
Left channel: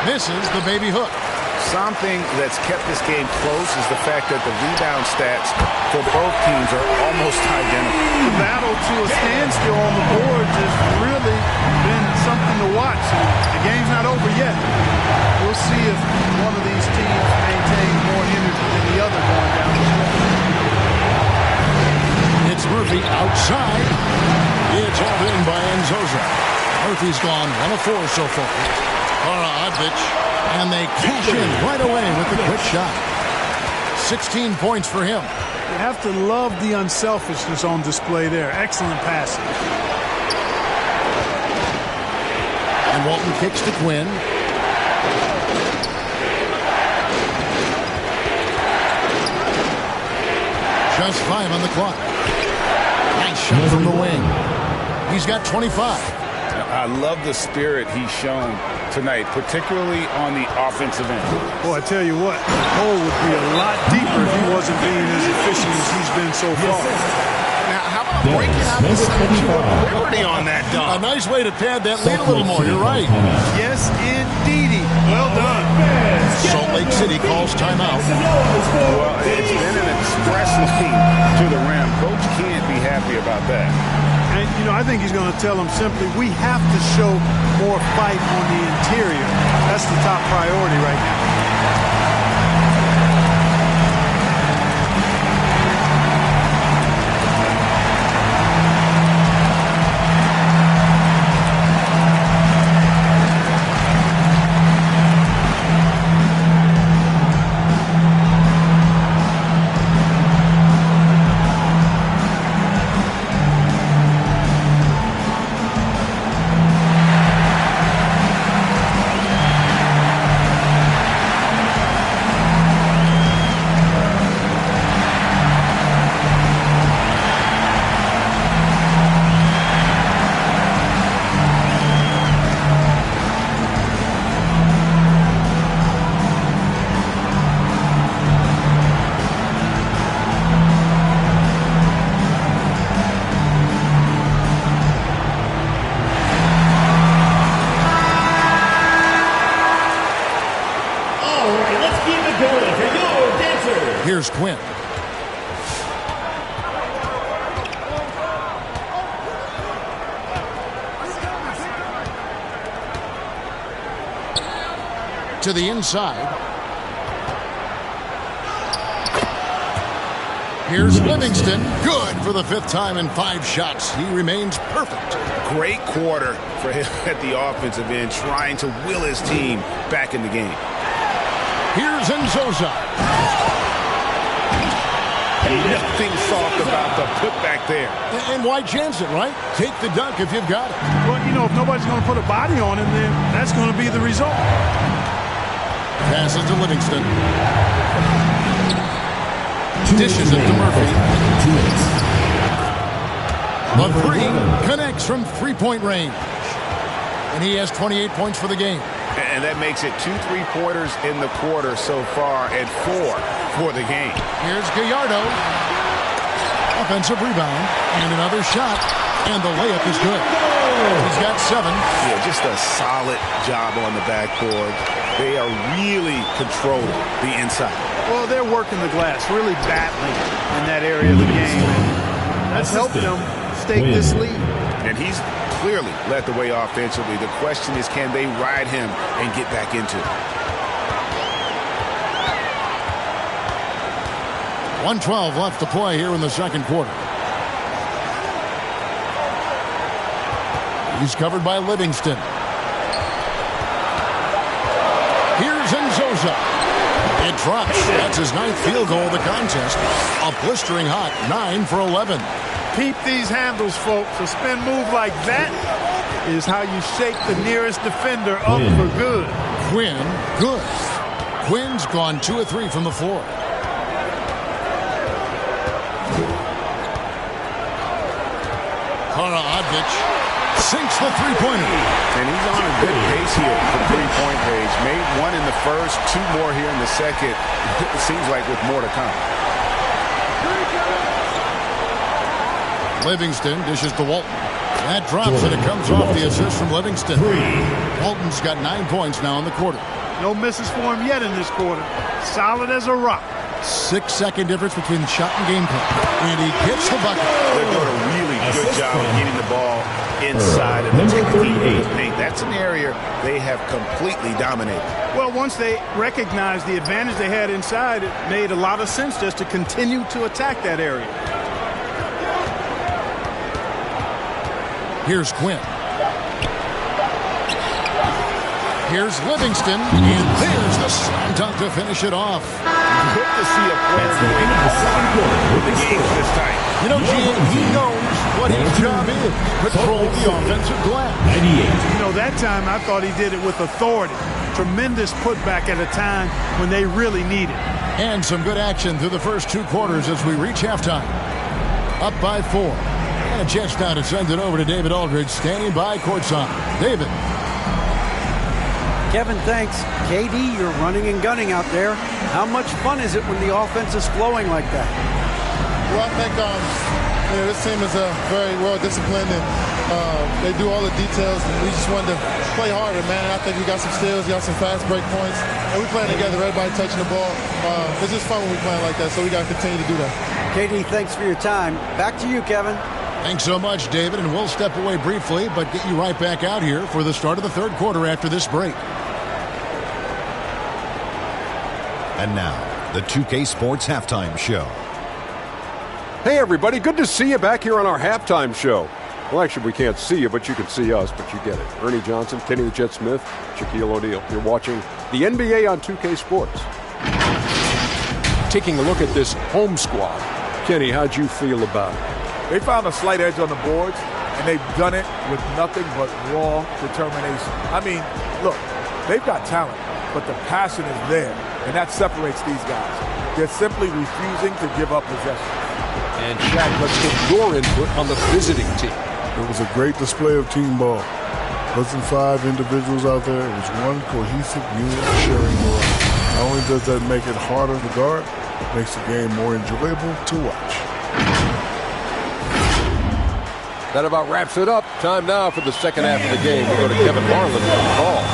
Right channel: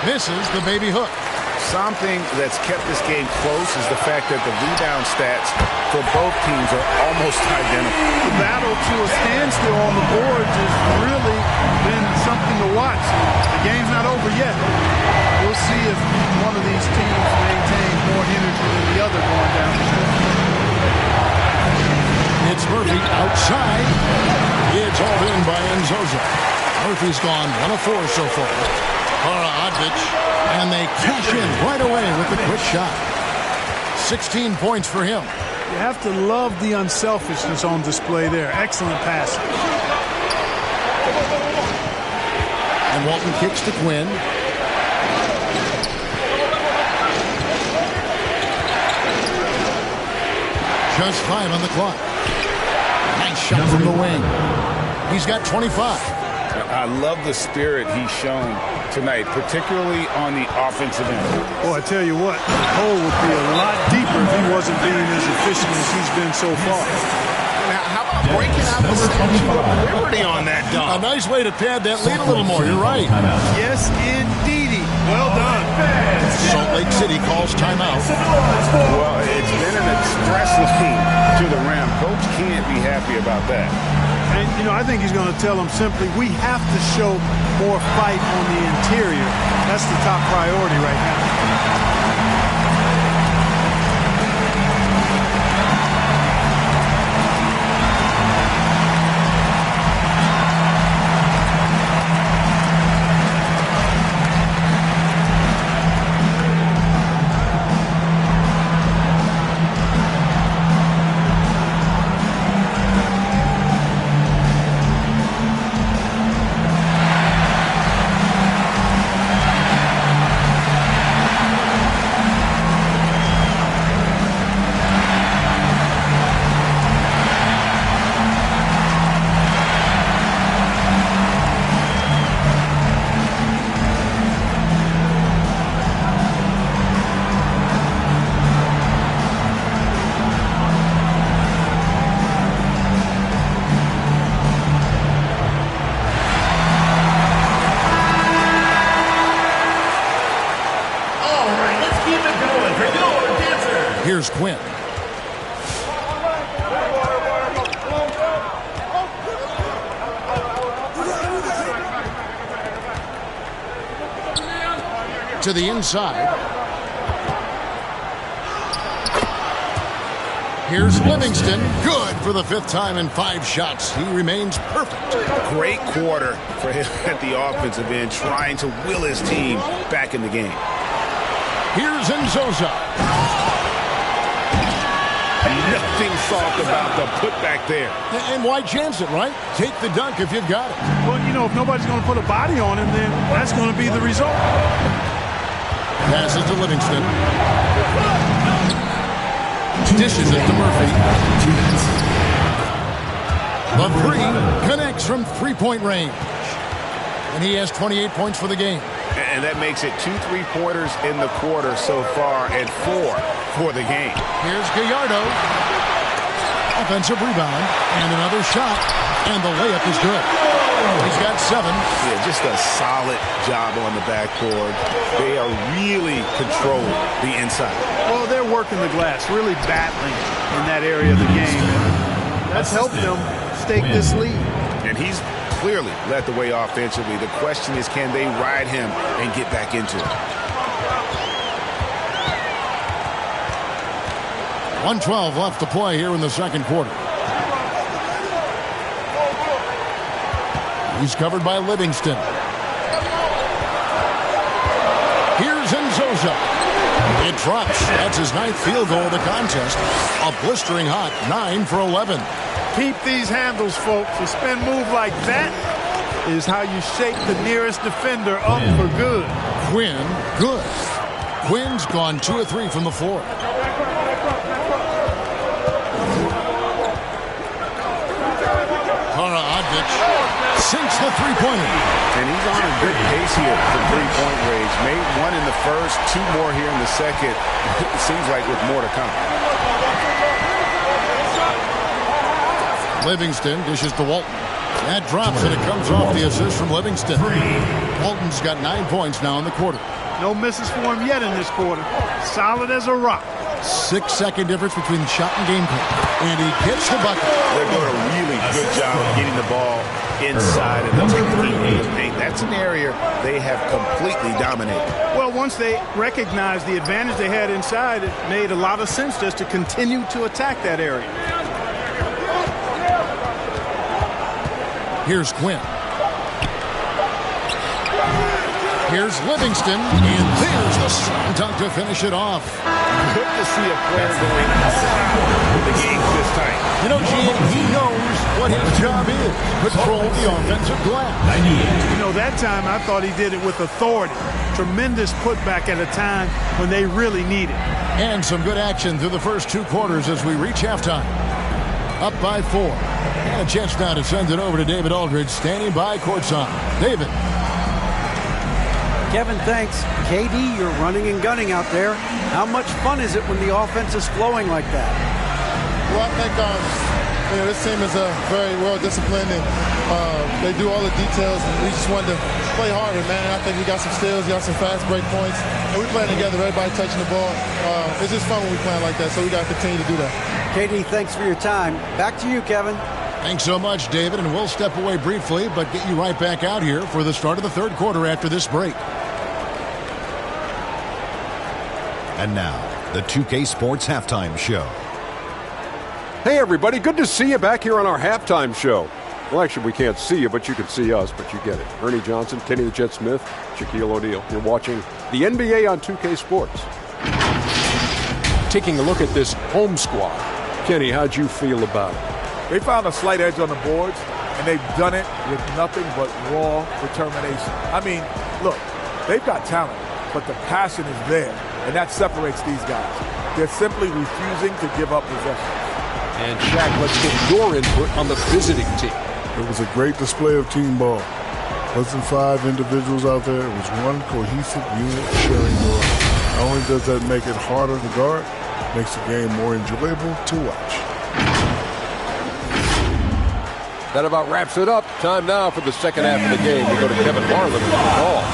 Misses the baby hook. Something that's kept this game close is the fact that the rebound stats for both teams are almost identical. The battle to a standstill on the boards has really been something to watch. The game's not over yet. We'll see if one of these teams maintains more energy than the other going down the stretch. It's Murphy outside. It's all in by Nzosa. Murphy's gone 1 of 4 so far. Kara Odvich, and they cash in right away with the quick shot. 16 points for him. You have to love the unselfishness on display there. Excellent passing. And Walton kicks to Quinn. Just 5 on the clock. Nice shot from the wing. He's got 25. I love the spirit he's shown tonight, particularly on the offensive end. Boy, I tell you what, the hole would be a lot deeper if he wasn't being as efficient as he's been so far. Now, how about breaking out the Statue of Liberty on that dunk? A nice way to pad that lead a little more. You're right. Yes, indeedy. Well done. Salt Lake City calls timeout. Well, it's been an express lane to the rim. Coach can't be happy about that. And, you know, I think he's going to tell them simply, we have to show more fight on the interior. That's the top priority right now. Here's Quinn. to the inside. Here's Livingston. Good for the 5th time in 5 shots. He remains perfect. Great quarter for him at the offensive end, trying to will his team back in the game. Here's Nzosa. Nothing soft about the putback there. And why chance it, right? Take the dunk if you've got it. Well, you know, if nobody's going to put a body on him, then that's going to be the result. Passes to Livingston. Dishes it to Murphy. 2 minutes. The three connects from three-point range. And he has 28 points for the game. And that makes it 2 3-pointers in the quarter so far and 4 for the game. Here's Gallardo. Offensive rebound. And another shot. And the layup is good. He's got 7. Yeah, just a solid job on the backboard. They are really controlling the inside. Well, they're working the glass, really battling in that area of the game. And that's helped them stake this lead. And he's clearly led the way offensively. The question is, can they ride him and get back into it? 1:12 left to play here in the second quarter. He's covered by Livingston. Here's Nzosa. It drops. That's his 9th field goal of the contest. A blistering hot 9 for 11. Keep these handles, folks. A spin move like that is how you shake the nearest defender up for good. Quinn, good. Quinn's gone 2 of 3 from the floor. Kara Odvich sinks the three-pointer. And he's on a good pace here for three-point range. Made 1 in the first, 2 more here in the second. It seems like with more to come. Livingston dishes to Walton. That drops and it comes off the assist from Livingston. Walton's got 9 points now in the quarter. No misses for him yet in this quarter. Solid as a rock. 6-second difference between shot and game clock. And he gets the bucket. They're doing a really good job of getting the ball inside and attacking the paint. That's an area they have completely dominated. Well, once they recognized the advantage they had inside, it made a lot of sense just to continue to attack that area. Here's Quinn. Here's Livingston. And there's the slam dunk to finish it off. Good to see a player going all out with the games this tight. You know, Gene, he knows what his job is. Control the offensive glass. 98. You know, that time I thought he did it with authority. Tremendous putback at a time when they really need it. And some good action through the first 2 quarters as we reach halftime. Up by 4. And a chance now to send it over to David Aldridge, standing by courtside. David. Kevin, thanks. KD, you're running and gunning out there. How much fun is it when the offense is flowing like that? Well, I think this team is very well disciplined, and they do all the details. And we just wanted to play harder, man. And I think we got some steals, got some fast break points, and we playing together. Everybody touching the ball. It's just fun when we playing like that. So we got to continue to do that. KD, thanks for your time. Back to you, Kevin. Thanks so much, David, and we'll step away briefly, but get you right back out here for the start of the third quarter after this break. And now, the 2K Sports Halftime Show. Hey, everybody. Good to see you back here on our halftime show. Well, actually, we can't see you, but you can see us, but you get it. Ernie Johnson, Kenny the Jet Smith, Shaquille O'Neal. You're watching the NBA on 2K Sports. Taking a look at this home squad. Kenny, how'd you feel about it? They found a slight edge on the boards, and they've done it with nothing but raw determination. I mean, look, they've got talent, but the passion is there, and that separates these guys. They're simply refusing to give up possession. And, Shaq, let's get your input on the visiting team. It was a great display of team ball. It wasn't 5 individuals out there. It was one cohesive unit sharing the rock. Not only does that make it harder to guard, it makes the game more enjoyable to watch. That about wraps it up. Time now for the second half of the game. We go to Kevin Harlan for the call.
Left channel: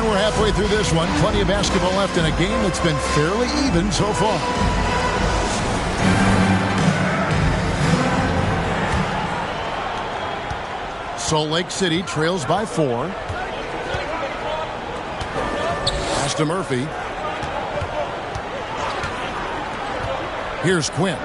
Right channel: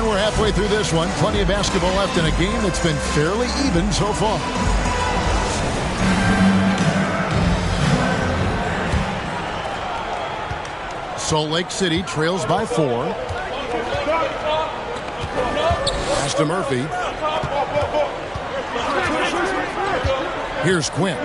And we're halfway through this one. Plenty of basketball left in a game that's been fairly even so far. Salt Lake City trails by 4. Pass to Murphy. Here's Quinn.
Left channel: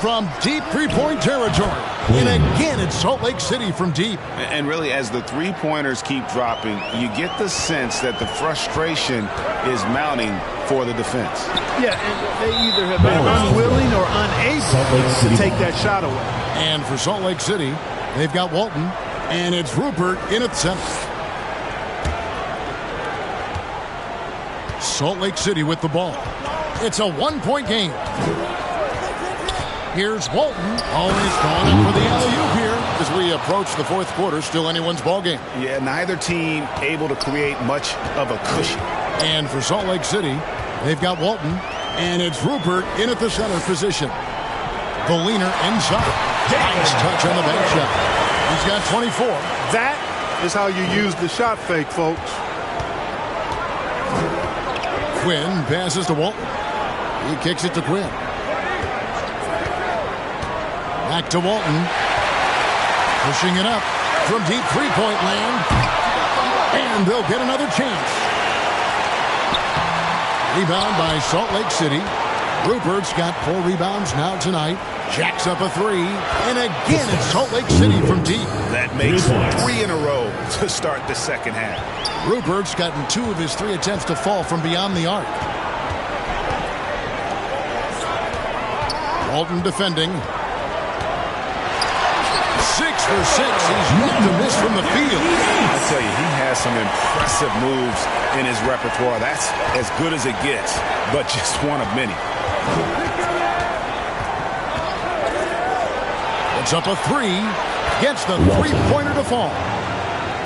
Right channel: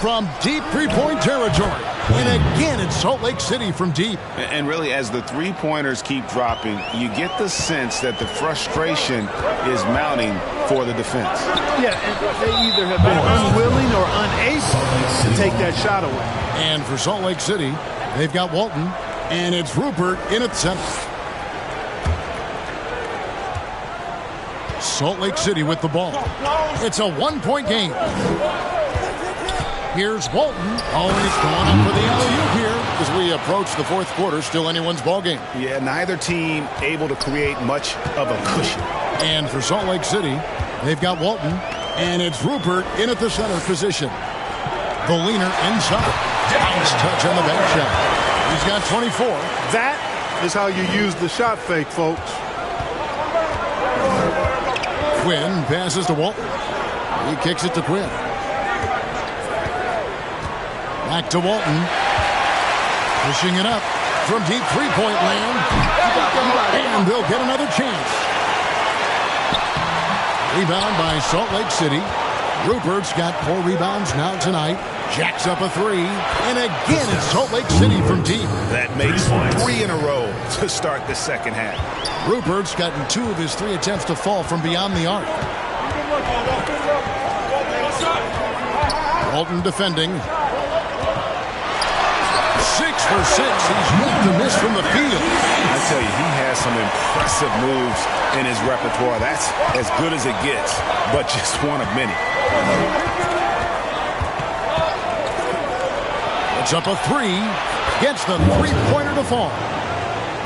From deep three-point territory. And again, it's Salt Lake City from deep. And really, as the three-pointers keep dropping, you get the sense that the frustration is mounting for the defense. Yeah, and they either have been unwilling or unable to take that shot away. And for Salt Lake City, they've got Walton, and it's Rupert in at center. Salt Lake City with the ball. It's a one-point game. Here's Walton. Always going up for the alley-oop here as we approach the fourth quarter. Still anyone's ball game. Yeah, neither team able to create much of a cushion. And for Salt Lake City, they've got Walton, and it's Rupert in at the center position. The leaner inside. Nice touch on the bank shot. He's got 24. That is how you use the shot fake, folks. Quinn passes to Walton. He kicks it to Quinn. Back to Walton. Pushing it up from deep three-point land. And they'll get another chance. Rebound by Salt Lake City. Rupert's got 4 rebounds now tonight. Jacks up a 3. And again, it's Salt Lake City from deep. That makes 3 in a row to start the second half. Rupert's gotten 2 of his 3 attempts to fall from beyond the arc. Walton defending. 6 for 6. He's yet to miss from the field. I tell you, he has some impressive moves in his repertoire. That's as good as it gets, but just one of many. It's up a 3. Gets the three-pointer to fall.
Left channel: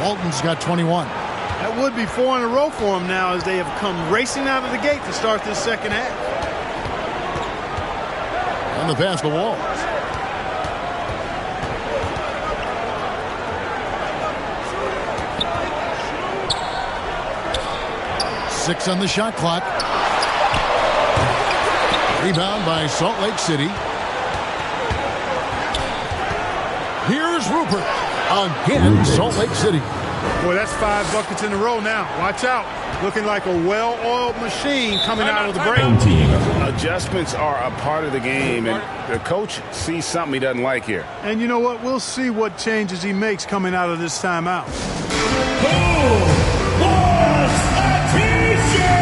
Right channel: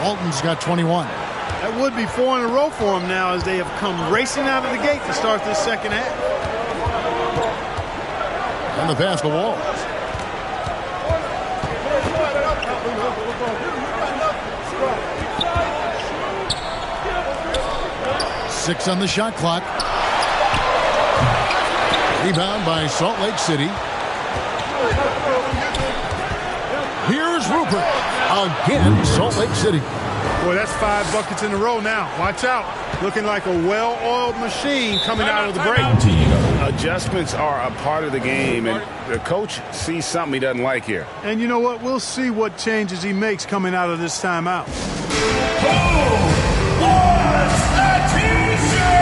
Walton's got 21. That would be 4 in a row for him now as they have come racing out of the gate to start this second half. And the pass to Walls. Six on the shot clock. Rebound by Salt Lake City. Here's Rupert. Again, Salt Lake City. Boy, that's 5 buckets in a row now. Watch out. Looking like a well-oiled machine coming out of the break. Adjustments are a part of the game, and the coach sees something he doesn't like here. And you know what? We'll see what changes he makes coming out of this timeout. Who wants a T-shirt?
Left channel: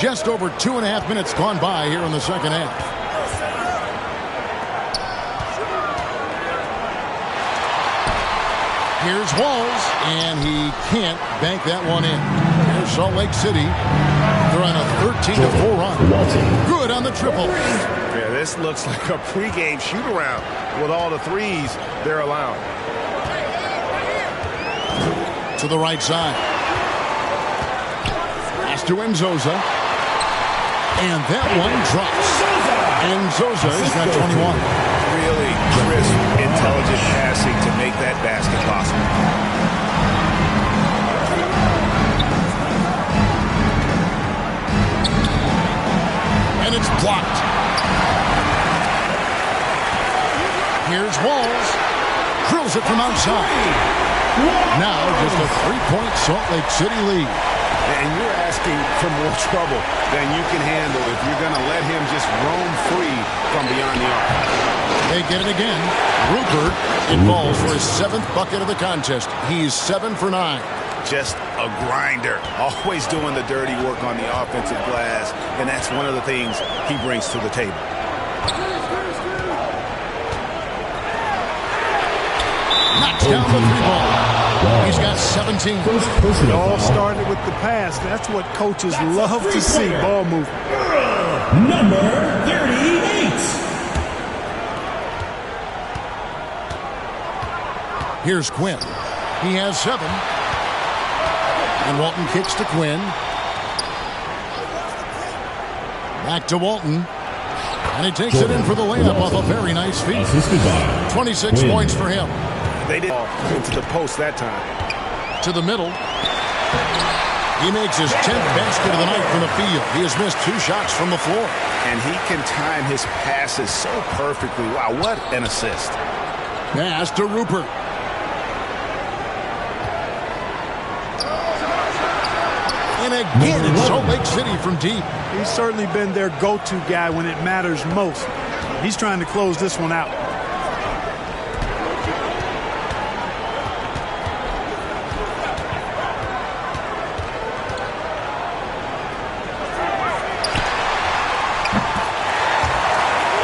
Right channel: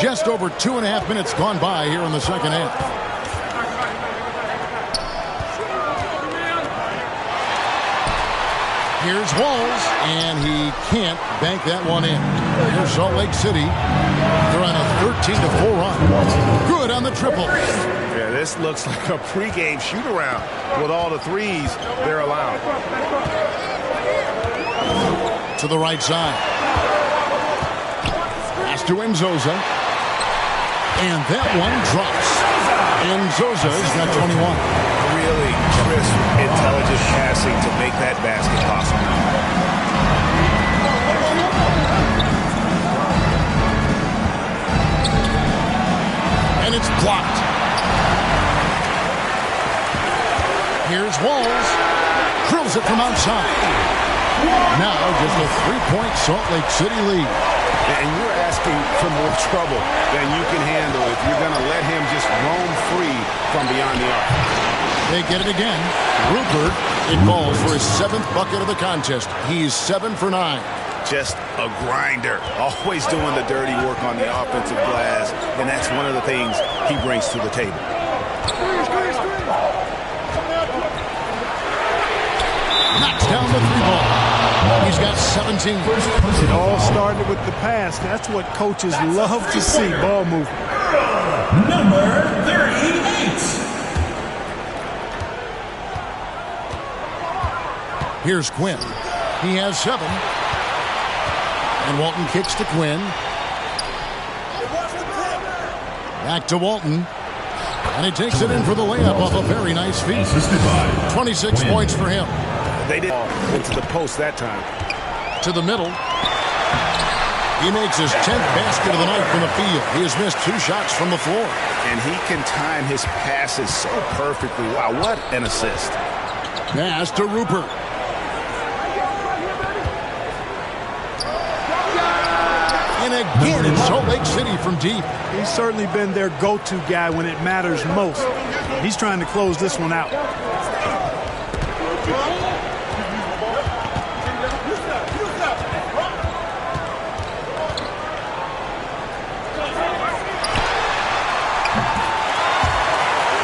Just over 2.5 minutes gone by here in the second half. Here's Walls, and he can't bank that one in. Here's Salt Lake City. They're on a 13-4 run. Good on the triple. Yeah, this looks like a pregame shoot-around with all the threes they're allowing. To the right side. Pass to Nzosa. And that one drops. And Zosa's got 21. Really crisp, intelligent passing to make that basket possible. And it's blocked. Here's Walls. Drills it from outside. Now just a 3-point Salt Lake City lead. And you're asking for more trouble than you can handle if you're going to let him just roam free from beyond the arc. They get it again. Rupert, it falls for his 7th bucket of the contest. He's 7 for 9. Just a grinder. Always doing the dirty work on the offensive glass, and that's one of the things he brings to the table. Knocks down the 3-ball. He's got 17. It all started with the pass. That's what coaches love to see, ball movement. Number 38. Here's Quinn. He has 7. And Walton kicks to Quinn. Back to Walton. And he takes it in for the layup off a very nice feed. 26 points for him. They did into the post that time. To the middle. He makes his 10th basket of the night from the field. He has missed 2 shots from the floor. And he can time his passes so perfectly. Wow, what an assist. Pass to Rupert. And again, it's Salt Lake City from deep. He's certainly been their go-to guy when it matters most. He's trying to close this one out.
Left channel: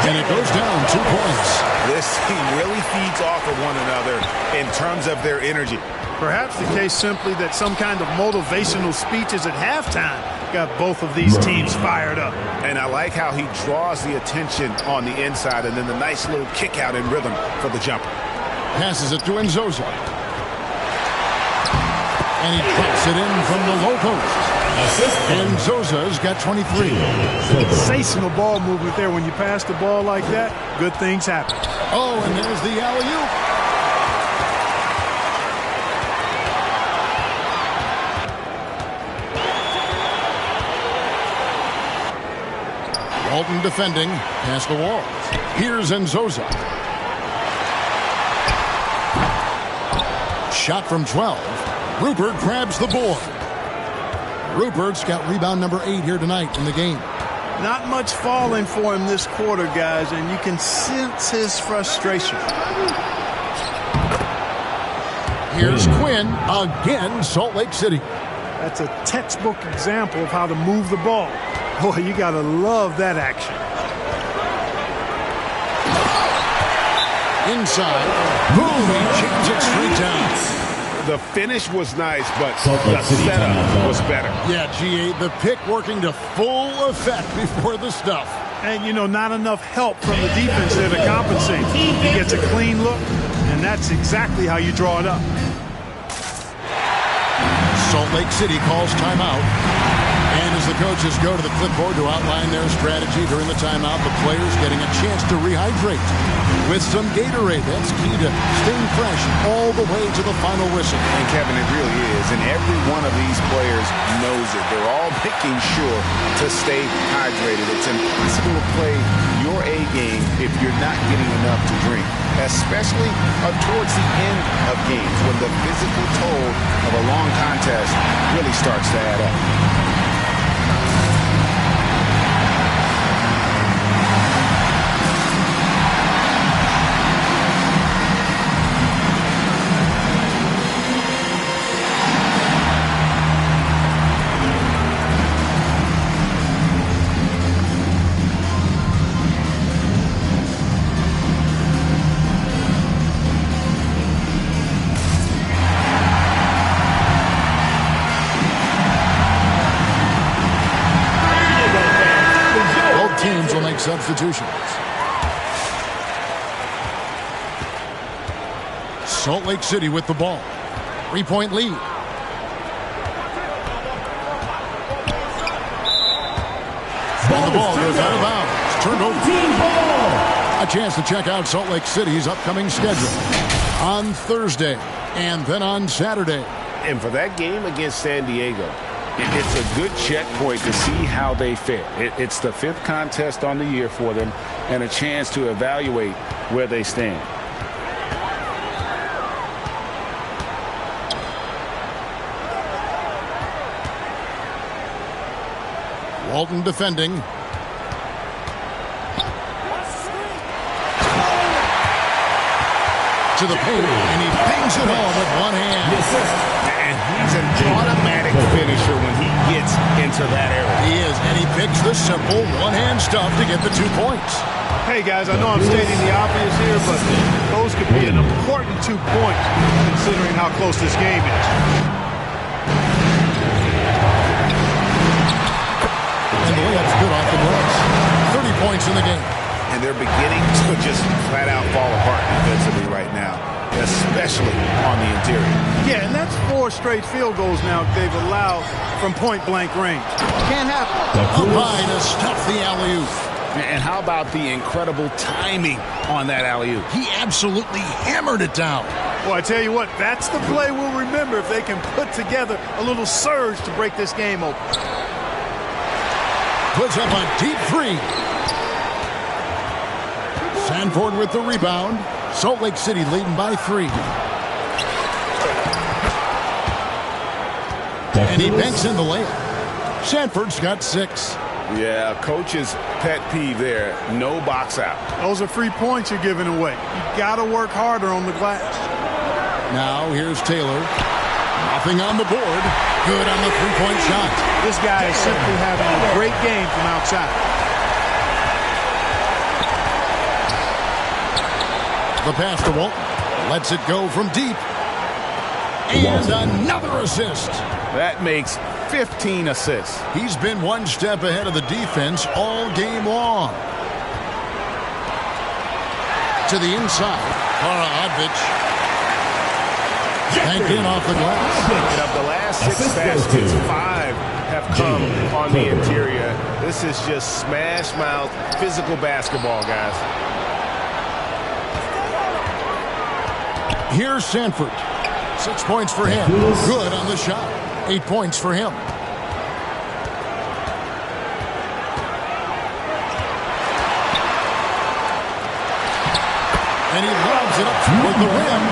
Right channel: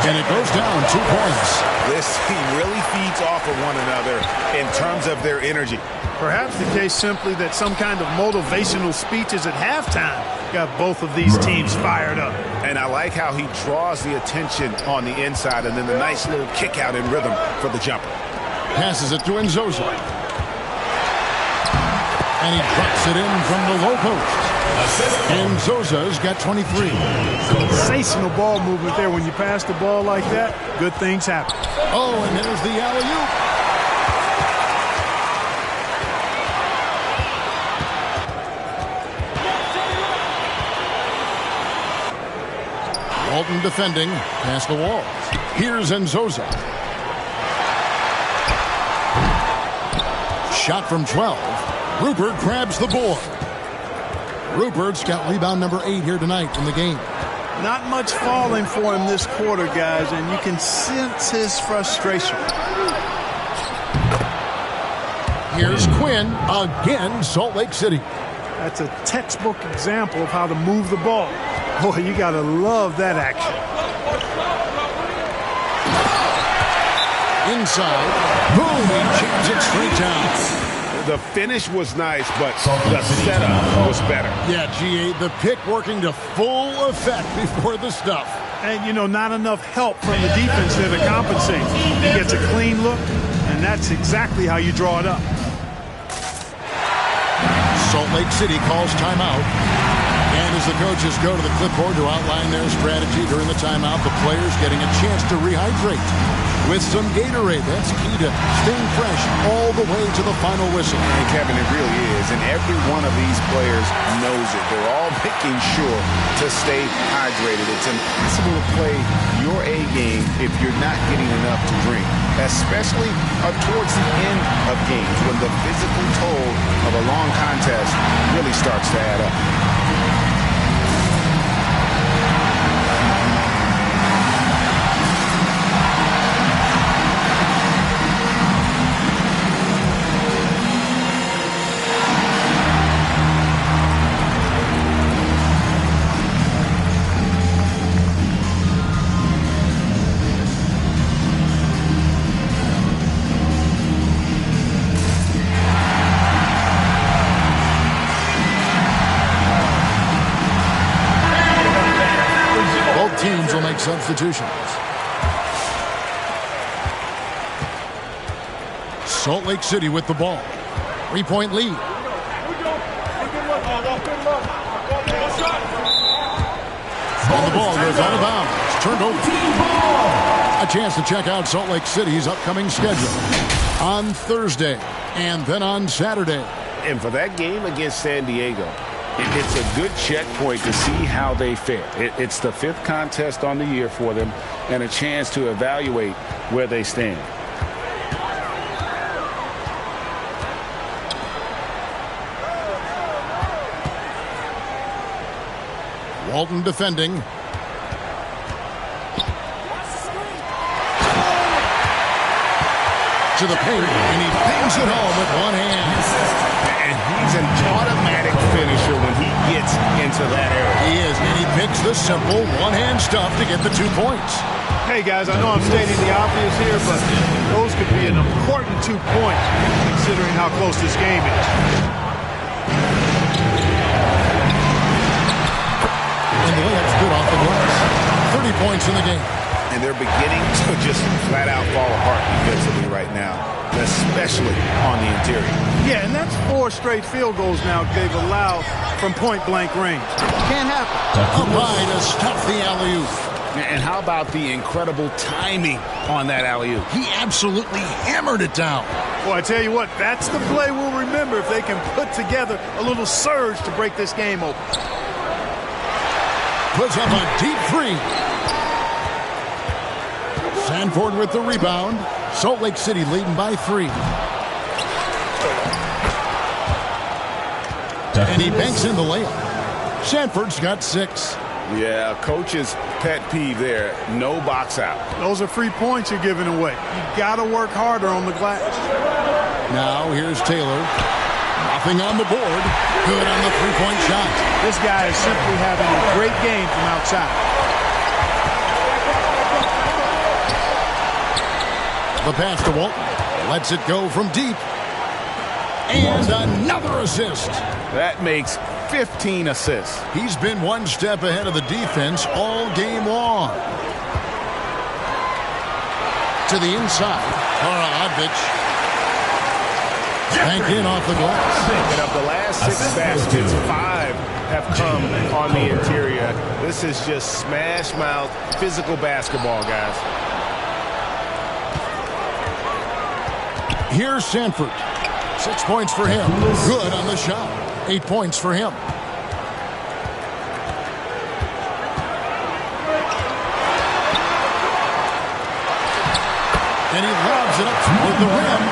And it goes down 2 points. This team really feeds off of one another in terms of their energy. Perhaps the case simply that some kind of motivational speeches at halftime got both of these teams fired up. And I like how he draws the attention on the inside and then the nice little kick out in rhythm for the jumper. Passes it to Nzosa. And he drops it in from the low post. And Zosa's got 23. Sensational ball movement there. When you pass the ball like that, good things happen. Oh, and there's the alley-oop. Walton defending past the walls. Here's Nzosa. Shot from 12. Rupert grabs the board. Rupert's got rebound number 8 here tonight in the game. Not much falling for him this quarter, guys, and you can sense his frustration. Here's Quinn again, Salt Lake City. That's a textbook example of how to move the ball. Boy, you got to love that action. Inside. Boom, he jams it straight down. The finish was nice, but the setup was better. Yeah, GA, the pick working to full effect before the stuff. And, you know, not enough help from the defense there to compensate. He gets a clean look, and that's exactly how you draw it up. Salt Lake City calls timeout. And as the coaches go to the clipboard to outline their strategy during the timeout, the players getting a chance to rehydrate with some Gatorade. That's key to staying fresh all the way to the final whistle. And Kevin, it really is. And every one of these players knows it. They're all making sure to stay hydrated. It's impossible to play your A game if you're not getting enough to drink, especially towards the end of games when the physical toll of a long contest really starts to add up. Teams will make substitutions. Salt Lake City with the ball. 3-point lead. And the ball goes out of bounds. Turned over. A chance to check out Salt Lake City's upcoming schedule on Thursday and then on Saturday. And for that game against San Diego, it's a good checkpoint to see how they fare. It's the 5th contest on the year for them and a chance to evaluate where they stand. Walton defending. To the paint, and he bangs it home with one hand. And he's an automatic finisher when he gets into that area. He is, and he picks the simple one-hand stuff to get the 2 points. Hey, guys, I know I'm stating the obvious here, but those could be an important 2 points considering how close this game is. And the layup's good off the glass. 30 points in the game. And they're beginning to just flat out fall apart defensively right now, especially on the interior. Yeah, and that's 4 straight field goals now they've allowed from point-blank range. Can't happen. Up high to stuff the alley-oop. And how about the incredible timing on that alley-oop? He absolutely hammered it down. Well, I tell you what, that's the play we'll remember if they can put together a little surge to break this game open. Puts up a deep 3. Sanford with the rebound. Salt Lake City leading by 3. And he banks in the layup. Sanford's got 6. Yeah, coach's pet peeve there. No box out. Those are free points you're giving away. You got to work harder on the glass. Now here's Taylor. Nothing on the board. Good on the three-point shot. This guy is simply having a great game from outside. The pass to Walton. Lets it go from deep. And another assist. That makes 15 assists. He's been one step ahead of the defense all game long. To the inside. Kara Odvich. Banked in off the glass. And of the last 6 baskets, 5 have come on the interior. This is just smash mouth, physical basketball, guys. Here's Sanford. 6 points for him. Good on the shot. 8 points for him. And he lobs it up toward the rim.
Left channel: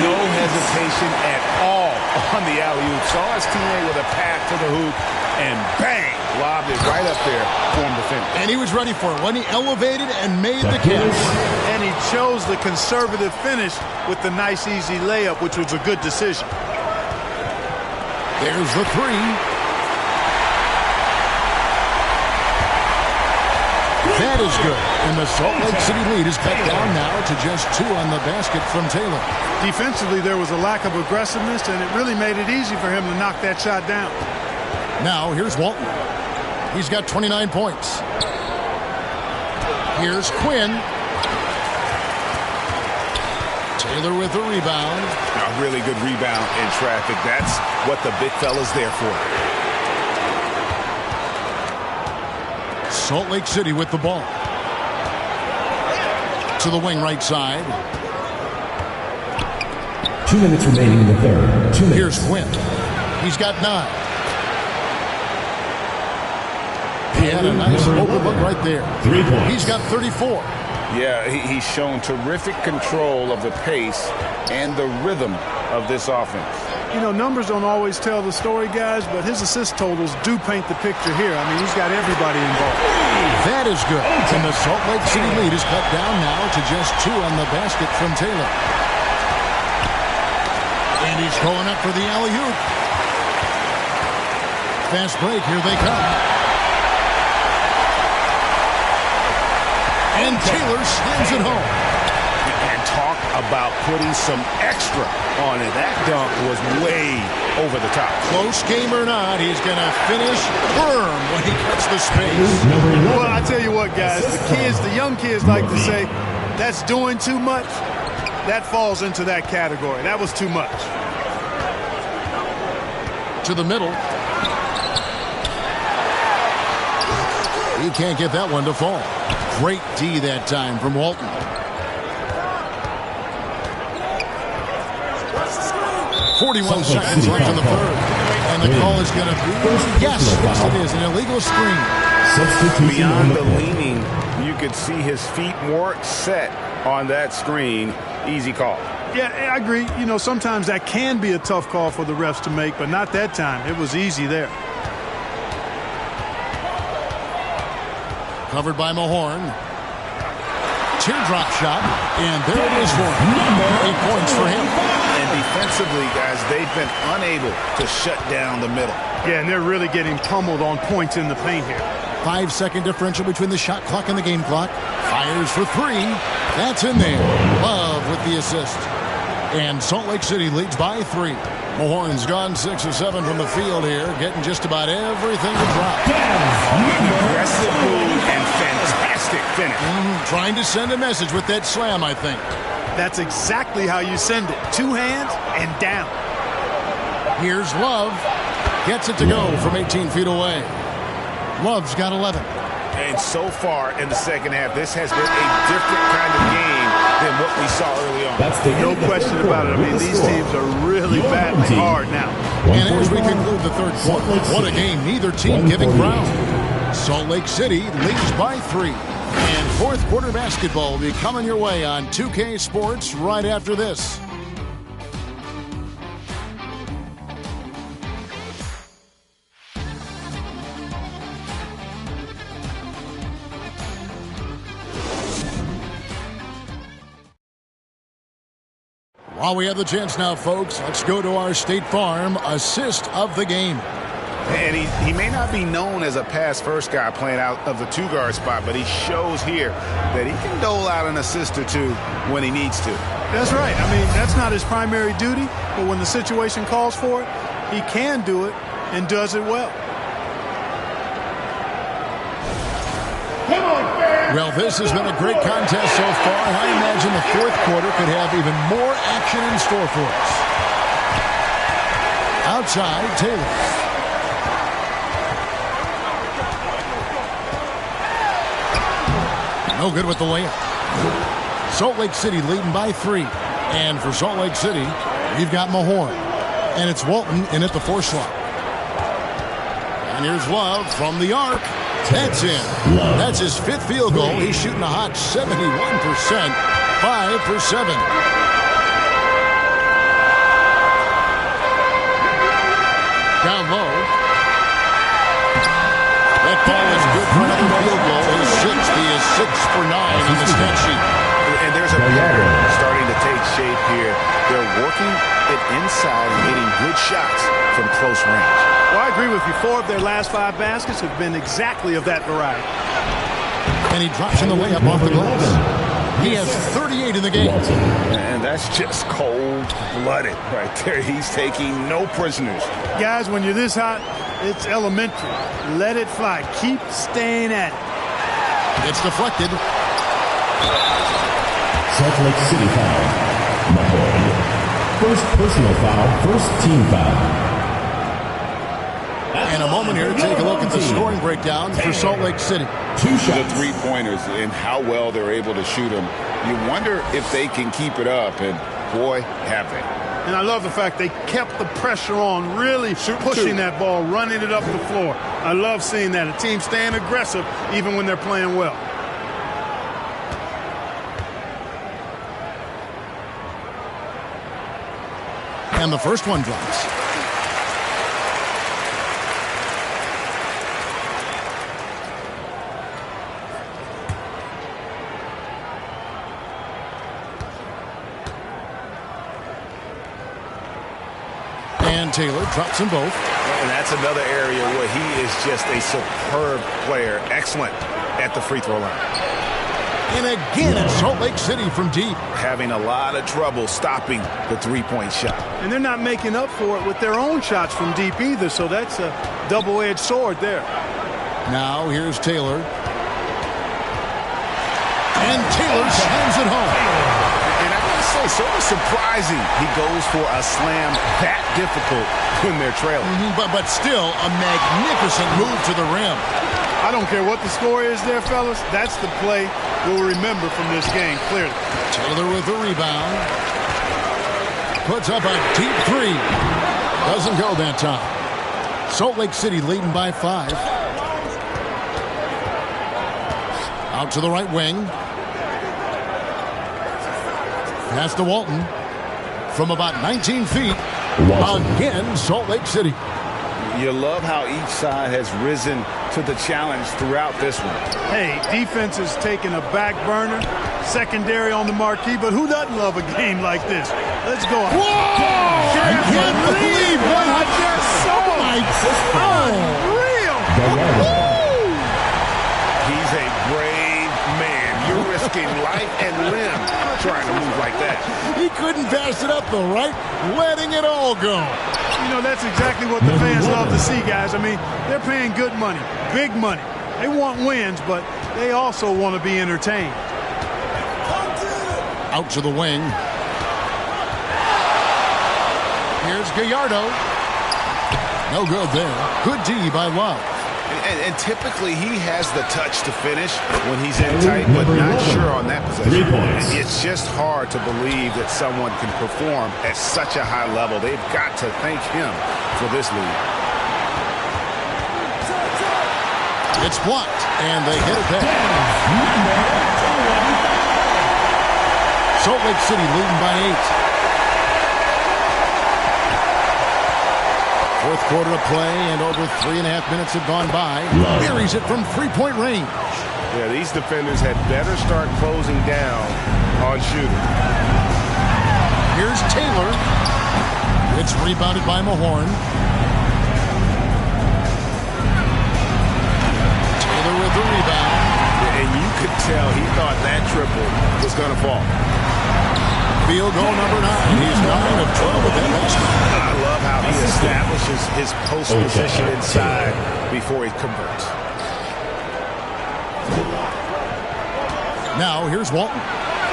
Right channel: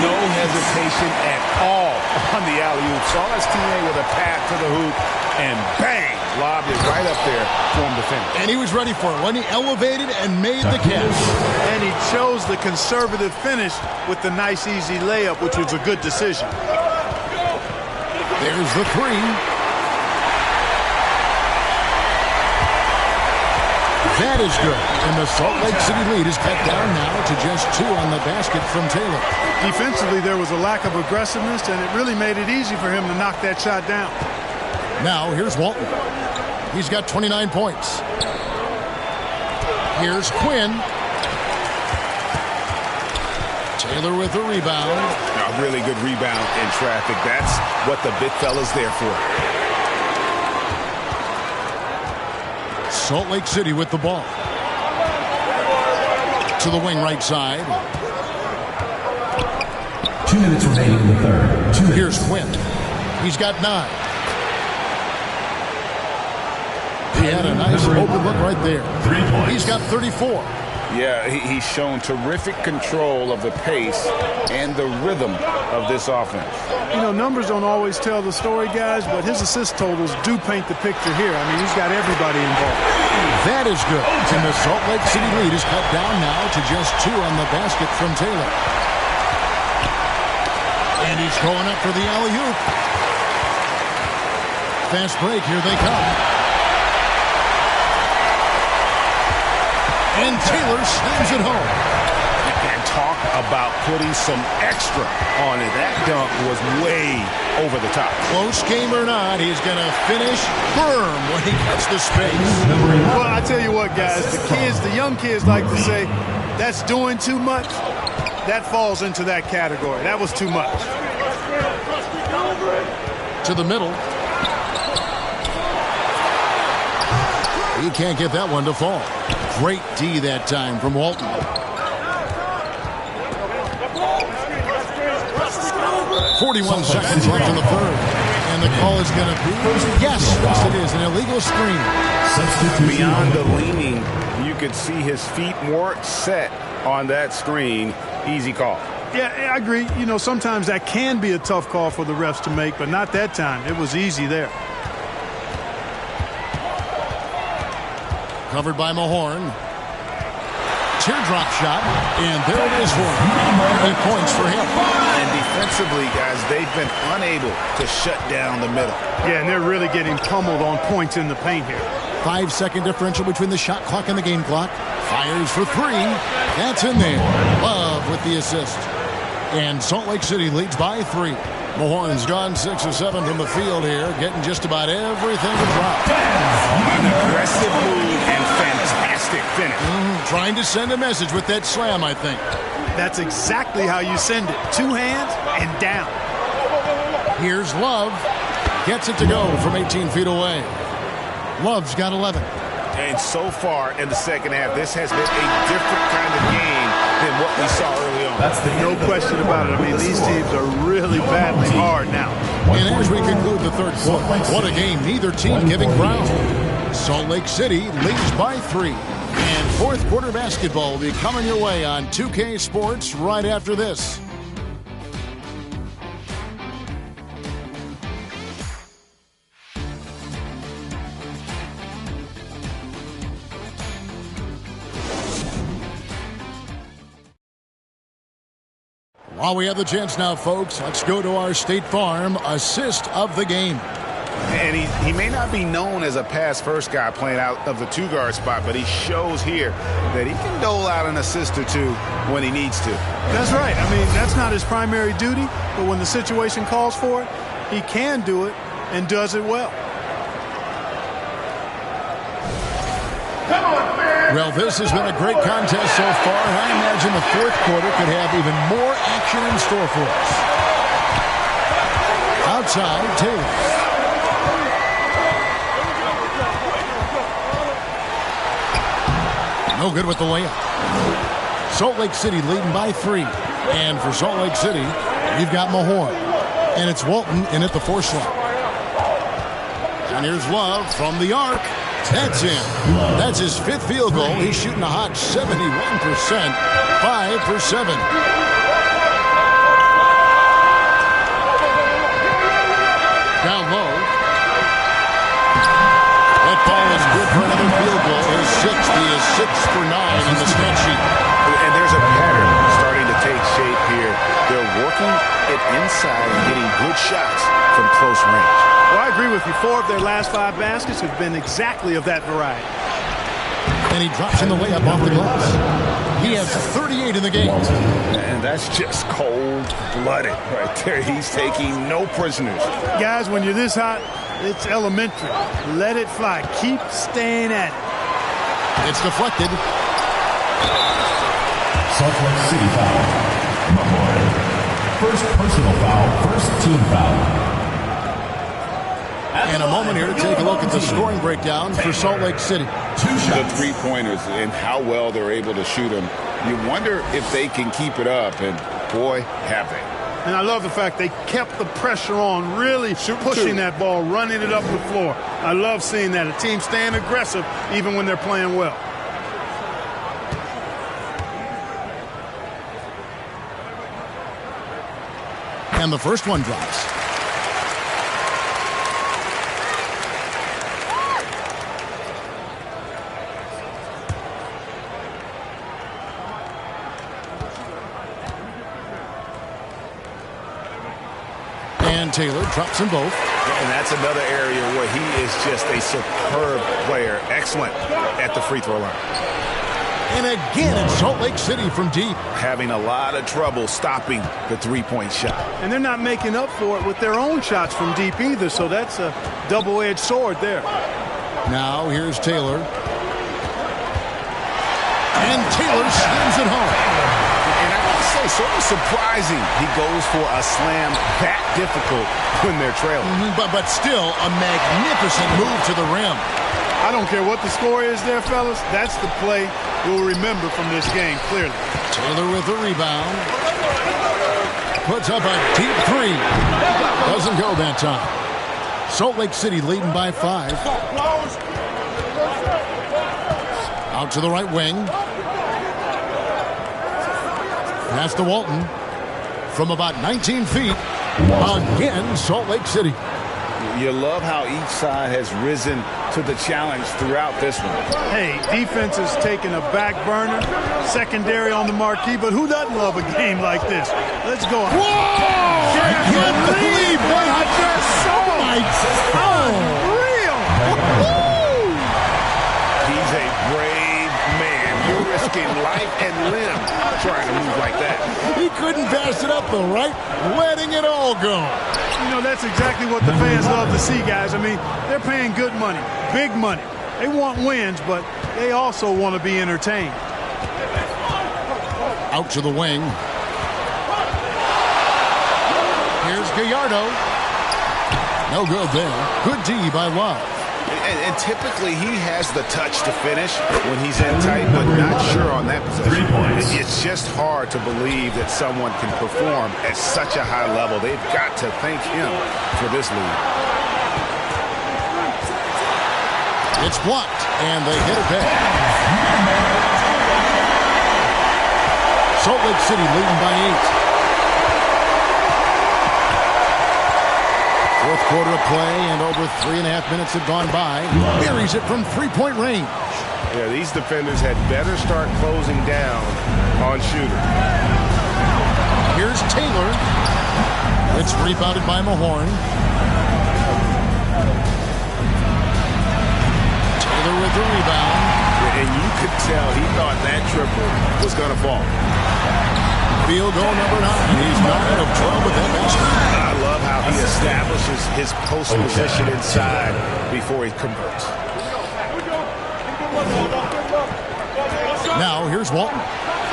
No hesitation at all on the alley-oop. Saw his teammate with a path to the hoop, and bang, lobbed it right up there for him to finish. And he was ready for it when he elevated and made the catch. And he chose the conservative finish with the nice, easy layup, which was a good decision. There's the 3. That is good. And the Salt Lake City lead is cut down now to just 2 on the basket from Taylor. Defensively, there was a lack of aggressiveness, and it really made it easy for him to knock that shot down. Now, here's Walton. He's got 29 points. Here's Quinn. Taylor with a rebound. A really good rebound in traffic. That's what the big fella's there for. Salt Lake City with the ball. To the wing right side. 2 minutes remaining in the third. 2 minutes. Here's Quinn. He's got 9. He had a nice open look right there. 3 points. He's got 34. Yeah, he's shown terrific control of the pace and the rhythm of this offense. You know, numbers don't always tell the story, guys, but his assist totals do paint the picture here. I mean, he's got everybody involved. That is good. And the Salt Lake City lead is cut down now to just 2 on the basket from Taylor. And he's going up for the alley-oop. Fast break. Here they come. And Taylor slams it home. And talk about putting some extra on it. That dunk was way over the top. Close game or not, he's going to finish firm when he gets the space. Well, I tell you what, guys, the young kids like to say, that's doing too much. That falls into that category. That was too much. To the middle. He can't get that one to fall. Great D that time from Walton. 41 seconds left in the third. And the call is going to be, yes, it is, an illegal screen. Beyond the leaning, you could see his feet weren't set on that screen. Easy call. Yeah, I agree. You know, sometimes that can be a tough call for the refs to make, but not that time. It was easy there. Covered by Mahorn. Teardrop shot, and there it is for him. 8 points for him. And defensively, guys, they've been unable to shut down the middle. Yeah, and they're really getting pummeled on points in the paint here. 5-second differential between the shot clock and the game clock. Fires for 3. That's in there. Love with the assist. And Salt Lake City leads by 3. Mahorn's gone 6 of 7 from the field here, getting just about everything to drop. An aggressive move and fantastic finish. Trying to send a message with that slam, I think. That's exactly how you send it. 2 hands and down. Here's Love. Gets it to go from 18 feet away. Love's got 11. And so far in the second half, this has been a different kind of game than what we saw early on. No question about it. I mean, these teams are really battling hard now. And as we conclude the third quarter, what a game, neither team giving ground. Salt Lake City leads by 3. And fourth quarter basketball will be coming your way on 2K Sports right after this. While we have the chance now, folks, let's go to our State Farm assist of the game. And he may not be known as a pass-first guy playing out of the 2-guard spot, but he shows here that he can dole out an assist or 2 when he needs to. That's right. I mean, that's not his primary duty, but when the situation calls for it, he can do it and does it well. Well, this has been a great contest so far, and I imagine the fourth quarter could have even more action in store for us. Outside, Taylor. No good with the layup. Salt Lake City leading by 3. And for Salt Lake City, you've got Mahorn. And it's Walton in at the 4 slot. And here's Love from the arc. That's in. That's his 5th field goal. He's shooting a hot 71%. 5 for 7. Down low. That ball is good for another field goal. His 6th. He is 6 for 9 on the stat sheet. And there's a pattern starting to take shape here. They're working it inside and getting good shots from close range. Well, I agree with you. 4 of their last 5 baskets have been exactly of that variety. And he drops in the layup off the glass. He has 38 in the game. And that's just cold-blooded right there. He's taking no prisoners. Guys, when you're this hot, it's elementary. Let it fly. Keep staying at it. It's deflected. Salt Lake City foul. Mahorn. First personal foul, first team foul. And a moment here to take a look at the scoring breakdown for Salt Lake City. 2 shots. The 3-pointers and how well they're able to shoot them. You wonder if they can keep it up, and boy, have they. And I love the fact they kept the pressure on, really pushing that ball, running it up the floor. I love seeing that. A team staying aggressive even when they're playing well. And the first one drops. And Taylor drops them both. And that's another area where he is just a superb player. Excellent at the free throw line. And again, it's Salt Lake City from deep. Having a lot of trouble stopping the 3-point shot. And they're not making up for it with their own shots from deep either, so that's a double-edged sword there. Now here's Taylor. And Taylor slams it home. And I gotta say, sort of surprising he goes for a slam that difficult when they're trailing. But still a magnificent move to the rim. I don't care what the score is there, fellas. That's the play we'll remember from this game, clearly. Taylor with the rebound. Puts up a deep three. Doesn't go that time. Salt Lake City leading by 5. Out to the right wing. Pass to Walton. From about 19 feet. Again, Salt Lake City. You love how each side has risen to the challenge throughout this one. Hey, defense is taking a back burner, secondary on the marquee, but who doesn't love a game like this? Let's go. Whoa! I can't believe what I just saw. Unreal. He's a brave man. You're risking life and limb trying to move like that. He couldn't pass it up the right, letting it all go. You know, that's exactly what the fans love to see, guys. I mean, they're paying good money, big money. They want wins, but they also want to be entertained. Out to the wing. Here's Gallardo. No good there. Good D by Love. And typically he has the touch to finish when he's in tight, but not sure on that possession. 3 points. It's just hard to believe that someone can perform at such a high level. They've got to thank him for this lead. It's blocked, and they hit it back. Salt Lake City leading by 8. Fourth quarter of play, and over 3.5 minutes have gone by. Buries it from three-point range. Yeah, these defenders had better start closing down on Shooter. Here's Taylor. It's rebounded by Mahorn. Taylor with the rebound. And you could tell he thought that triple was going to fall. Field goal number 9. He's 9 of 12 with that basket. I love how he establishes his post position inside before he converts. Now here's Walton.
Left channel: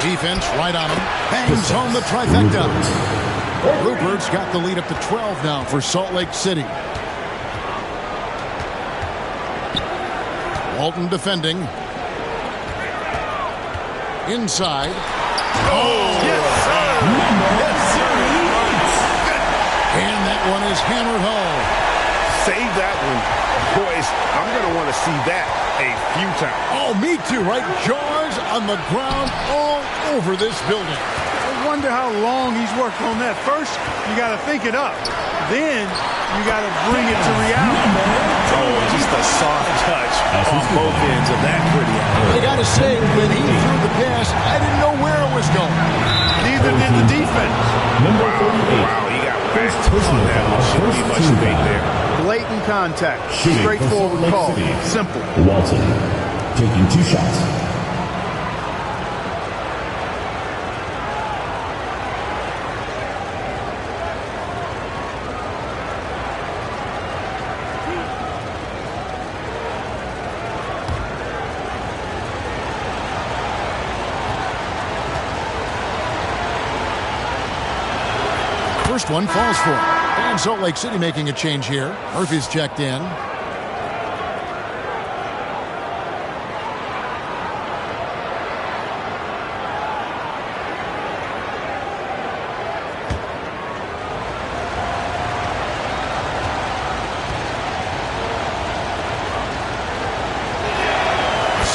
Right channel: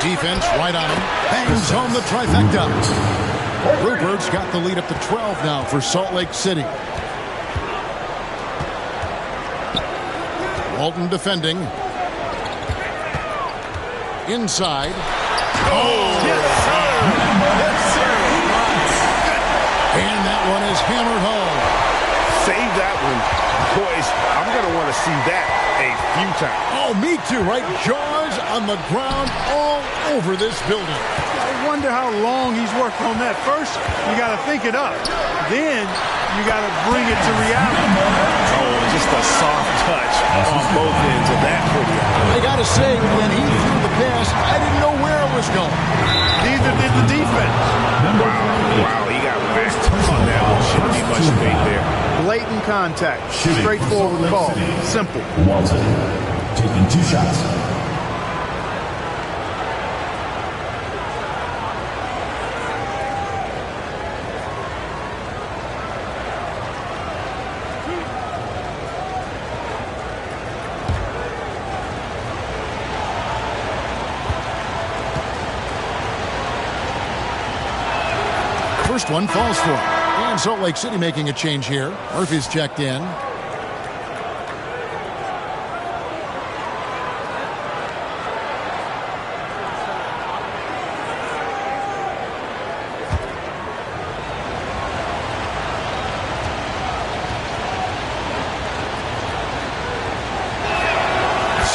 Defense right on him. Bangs home the trifecta. Rupert's got the lead up to 12 now for Salt Lake City. Walton defending. Inside. Oh, yes, sir. Yes, sir. And that one is hammered home. Save that one. Boys, I'm going to want to see that a few times. Oh, me too, right? Jaws on the ground all over this building. I wonder how long he's worked on that. First, you got to think it up. Then you got to bring it to reality. Oh, just a soft touch on both ends of that pretty alley. I got to say, when he threw the pass, I didn't know where it was going. Neither did the defense. Wow, he got whacked on that one. Shouldn't be much debate there. Blatant contact. Straightforward call. Simple. Walton taking 2 shots. First one falls for him. And Salt Lake City making a change here. Murphy's checked in.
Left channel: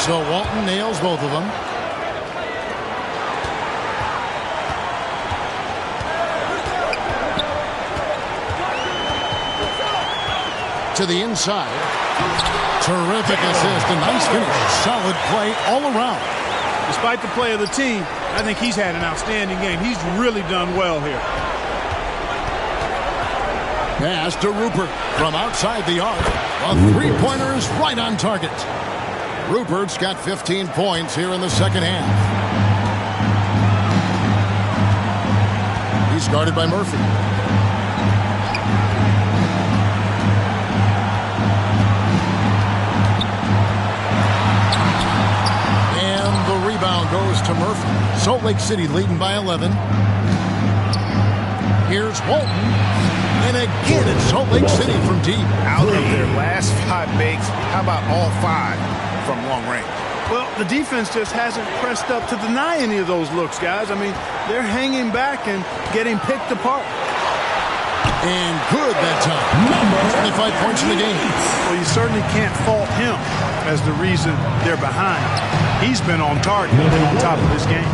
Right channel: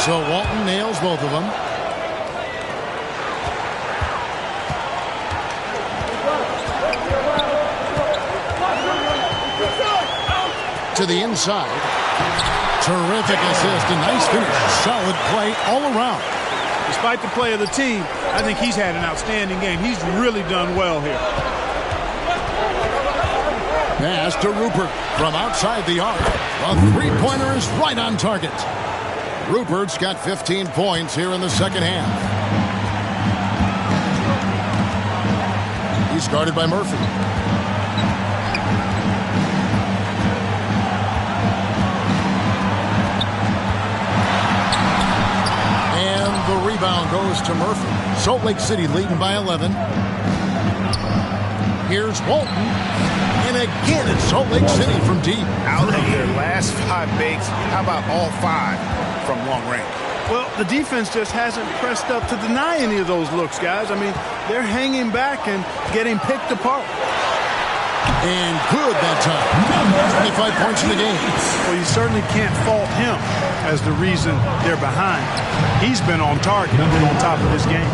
So Walton nails both of them. To the inside. Terrific assist, a nice finish. Solid play all around. Despite the play of the team, I think he's had an outstanding game. He's really done well here. Pass to Rupert from outside the arc. A three-pointer is right on target. Rupert's got 15 points here in the second half. He's guarded by Murphy. And the rebound goes to Murphy. Salt Lake City leading by 11. Here's Walton. And again, it's Salt Lake City from deep. Out of their last 5 makes, how about all 5 from long range? Well, the defense just hasn't pressed up to deny any of those looks, guys. I mean, they're hanging back and getting picked apart. And good that time. 25 points in the game. Well, you certainly can't fault him as the reason they're behind. He's been on target and on top of this game.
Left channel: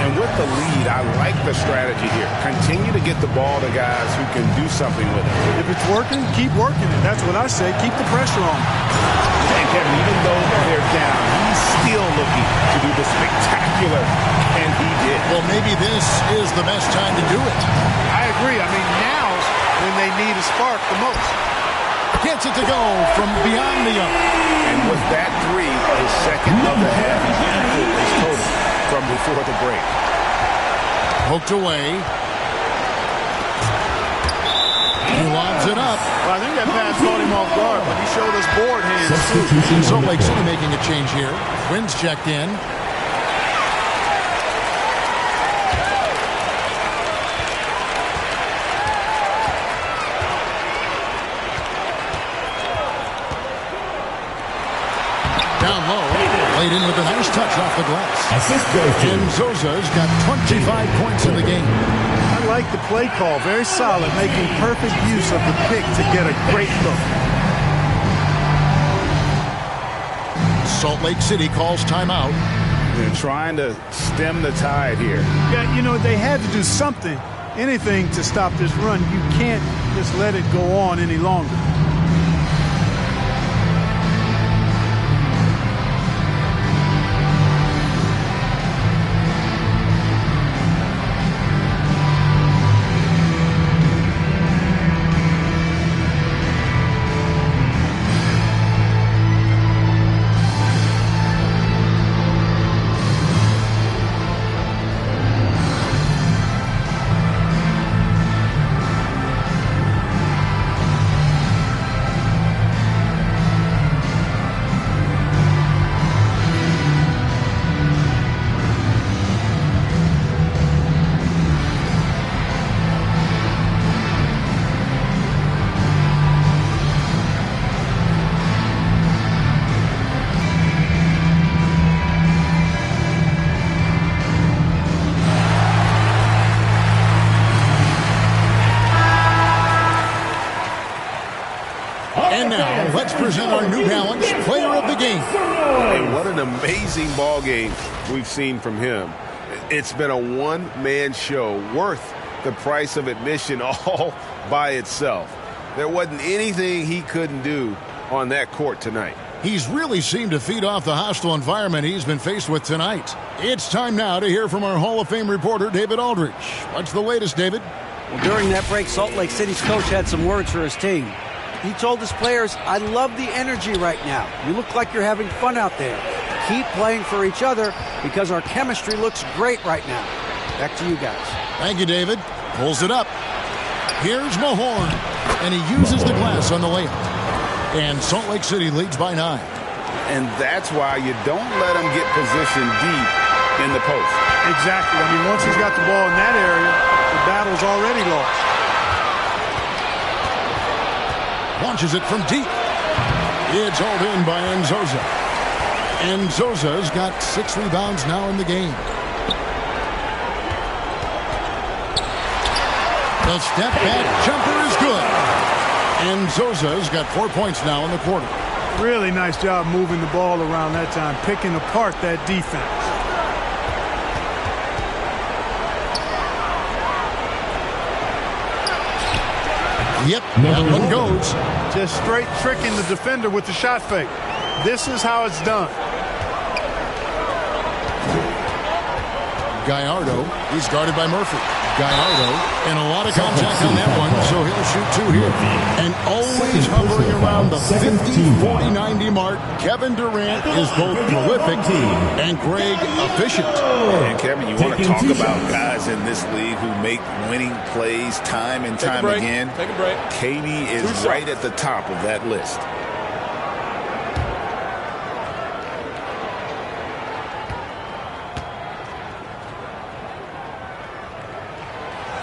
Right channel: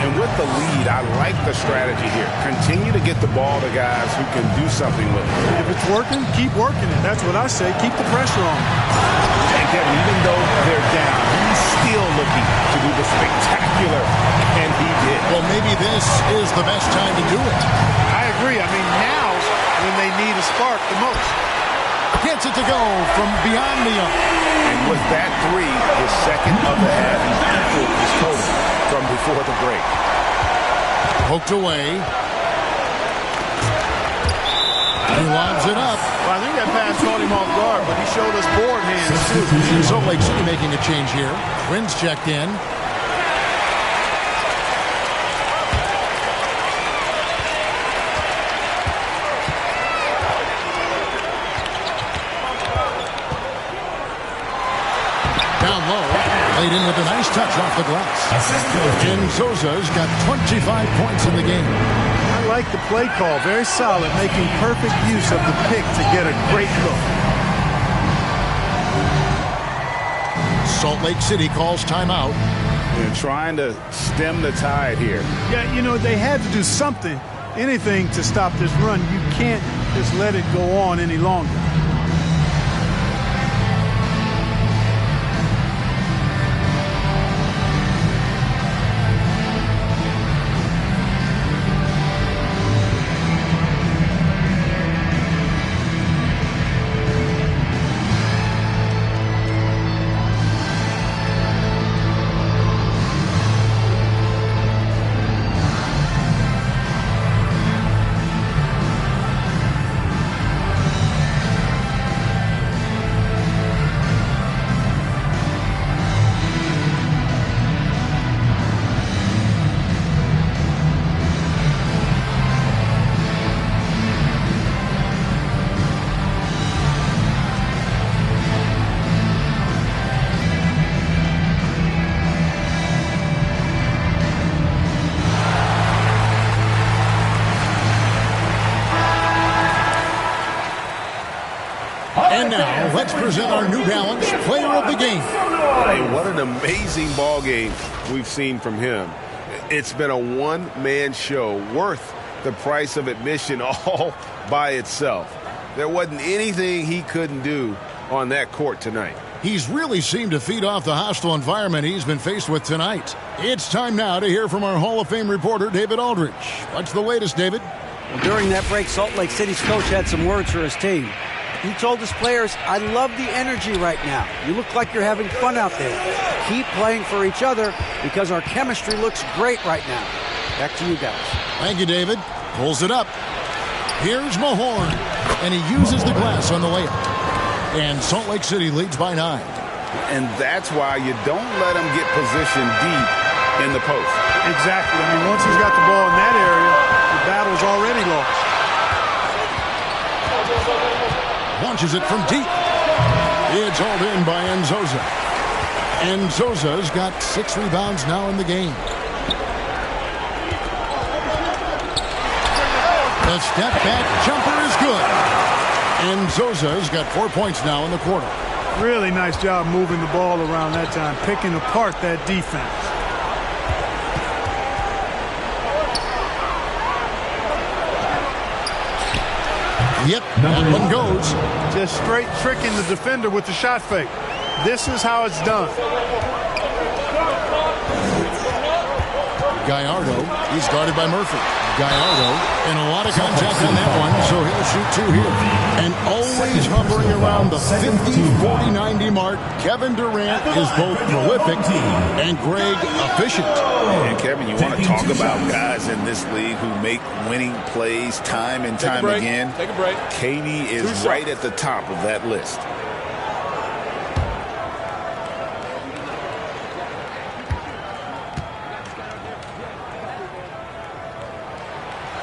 And with the lead, I like the strategy here. Continue to get the ball to guys who can do something with it. If it's working, keep working it. That's what I say. Keep the pressure on. And Kevin, even though they're down, he's still looking to do the spectacular, and he did. Well, maybe this is the best time to do it. I agree. I mean, now's when they need a spark the most. Gets it to go from beyond the arc. And with that 3, his second of the half, he's equal his total from before the break. Poked away. He lobs it up. Well, I think that pass caught him off guard, but he showed us board hands, too. Salt Lake City making a change here. Wynn's checked in. Down low. Laid in with a nice touch off the glass. And Zosa's got 25 points in the game. I like the play call. Very solid, making perfect use of the pick to get a great look. Salt Lake City calls timeout. They're trying to stem the tide here. Yeah, you know, they had to do something, anything to stop this run. You can't just let it go on any longer. And now, let's present our New Balance Player of the Game. Hey, what an amazing ball game we've seen from him. It's been a one-man show worth the price of admission all by itself. There wasn't anything he couldn't do on that court tonight. He's really seemed to feed off the hostile environment he's been faced with tonight. It's time now to hear from our Hall of Fame reporter, David Aldridge. What's the latest, David? Well, during that break, Salt Lake City's coach had some words for his team. He told his players, I love the energy right now. You look like you're having fun out there. Keep playing for each other because our chemistry looks great right now. Back to you guys. Thank you, David. Pulls it up. Here's Mahorn. And he uses the glass on the layup. And Salt Lake City leads by 9. And that's why you don't let him get positioned deep in the post. Exactly. I mean, once he's got the ball in that area, the battle's already lost. Launches it from deep. It's hauled in by Enzoza. Enzoza's got 6 rebounds now in the game. The step back jumper is good. Enzoza's got 4 points now in the quarter. Really nice job moving the ball around that time, picking apart that defense. Yep, that one goes. Just straight tricking the defender with the shot fake. This is how it's done. Gallardo, he's guarded by Murphy. Gallardo, and a lot of contact on that one, so he'll shoot 2 here. And always hovering around the 50, 40, 90 mark, Kevin Durant is both prolific and Greg efficient. And Kevin, you want to talk about guys in this league who make winning plays time and time again. Take a break. KD is right at the top of that list.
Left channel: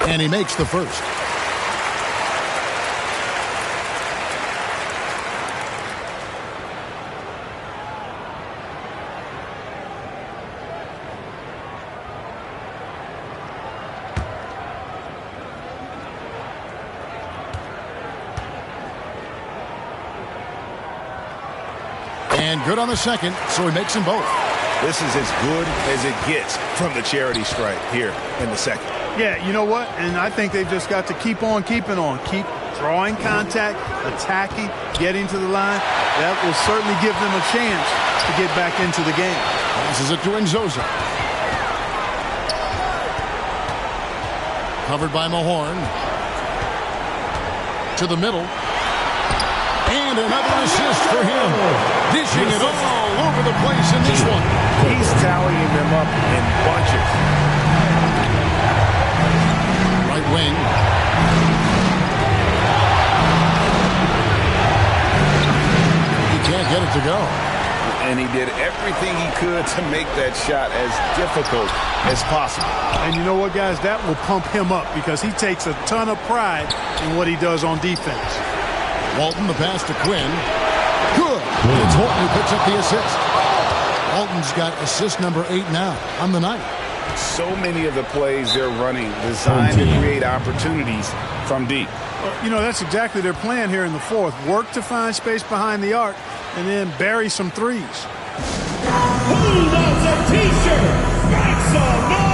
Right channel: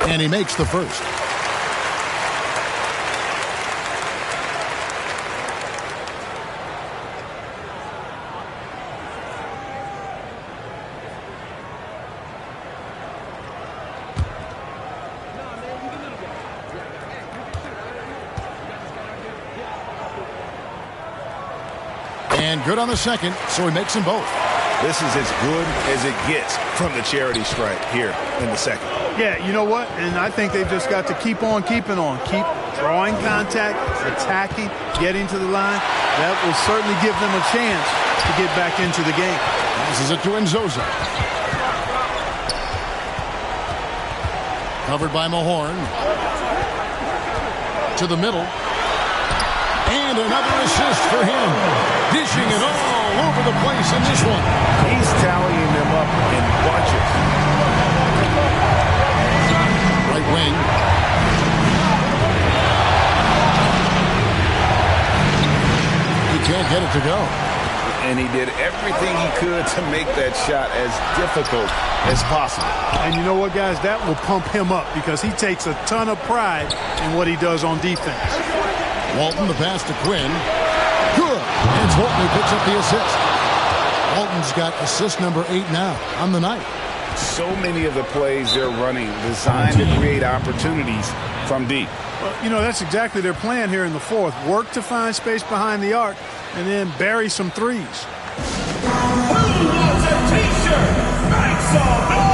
And he makes the first. And good on the second, so he makes them both. This is as good as it gets from the charity stripe here in the second. Yeah, you know what? And I think they've just got to keep on keeping on. Keep drawing contact, attacking, getting to the line. That will certainly give them a chance to get back into the game. Passes it to Nzosa. Covered by Mahorn. To the middle. And another assist for him. Dishing it all over the place in this one. He's tallying them up in bunches. Right wing. He can't get it to go. And he did everything he could to make that shot as difficult as possible. And you know what, guys? That will pump him up because he takes a ton of pride in what he does on defense. Walton, the pass to Quinn. Good. And it's Walton who picks up the assist. Walton's got assist number 8 now on the night. So many of the plays they're running designed to create opportunities from deep. Well, you know, that's exactly their plan here in the fourth. Work to find space behind the arc and then bury some threes. Who loves a t-shirt? Make some noise!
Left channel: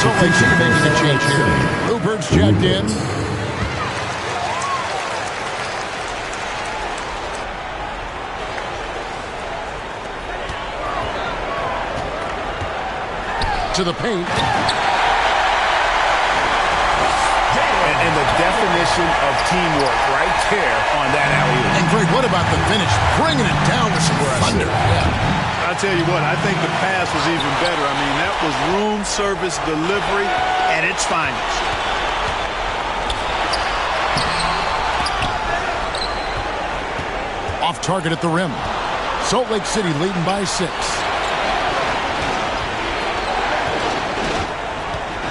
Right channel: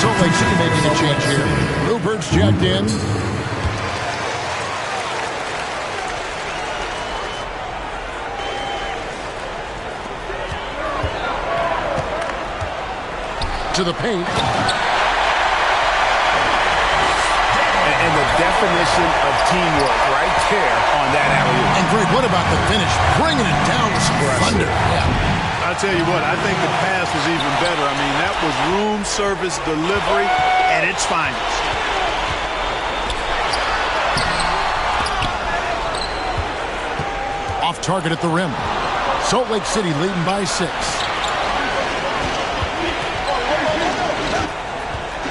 Salt Lake City making a change here. Rupert's checked in. To the paint. And the definition of teamwork right there on that alley-oop. And Greg, what about the finish? Bringing it down with some thunder. Yeah. I'll tell you what, I think the pass was even better. I mean, that was room service delivery at its finest. Off target at the rim. Salt Lake City leading by 6.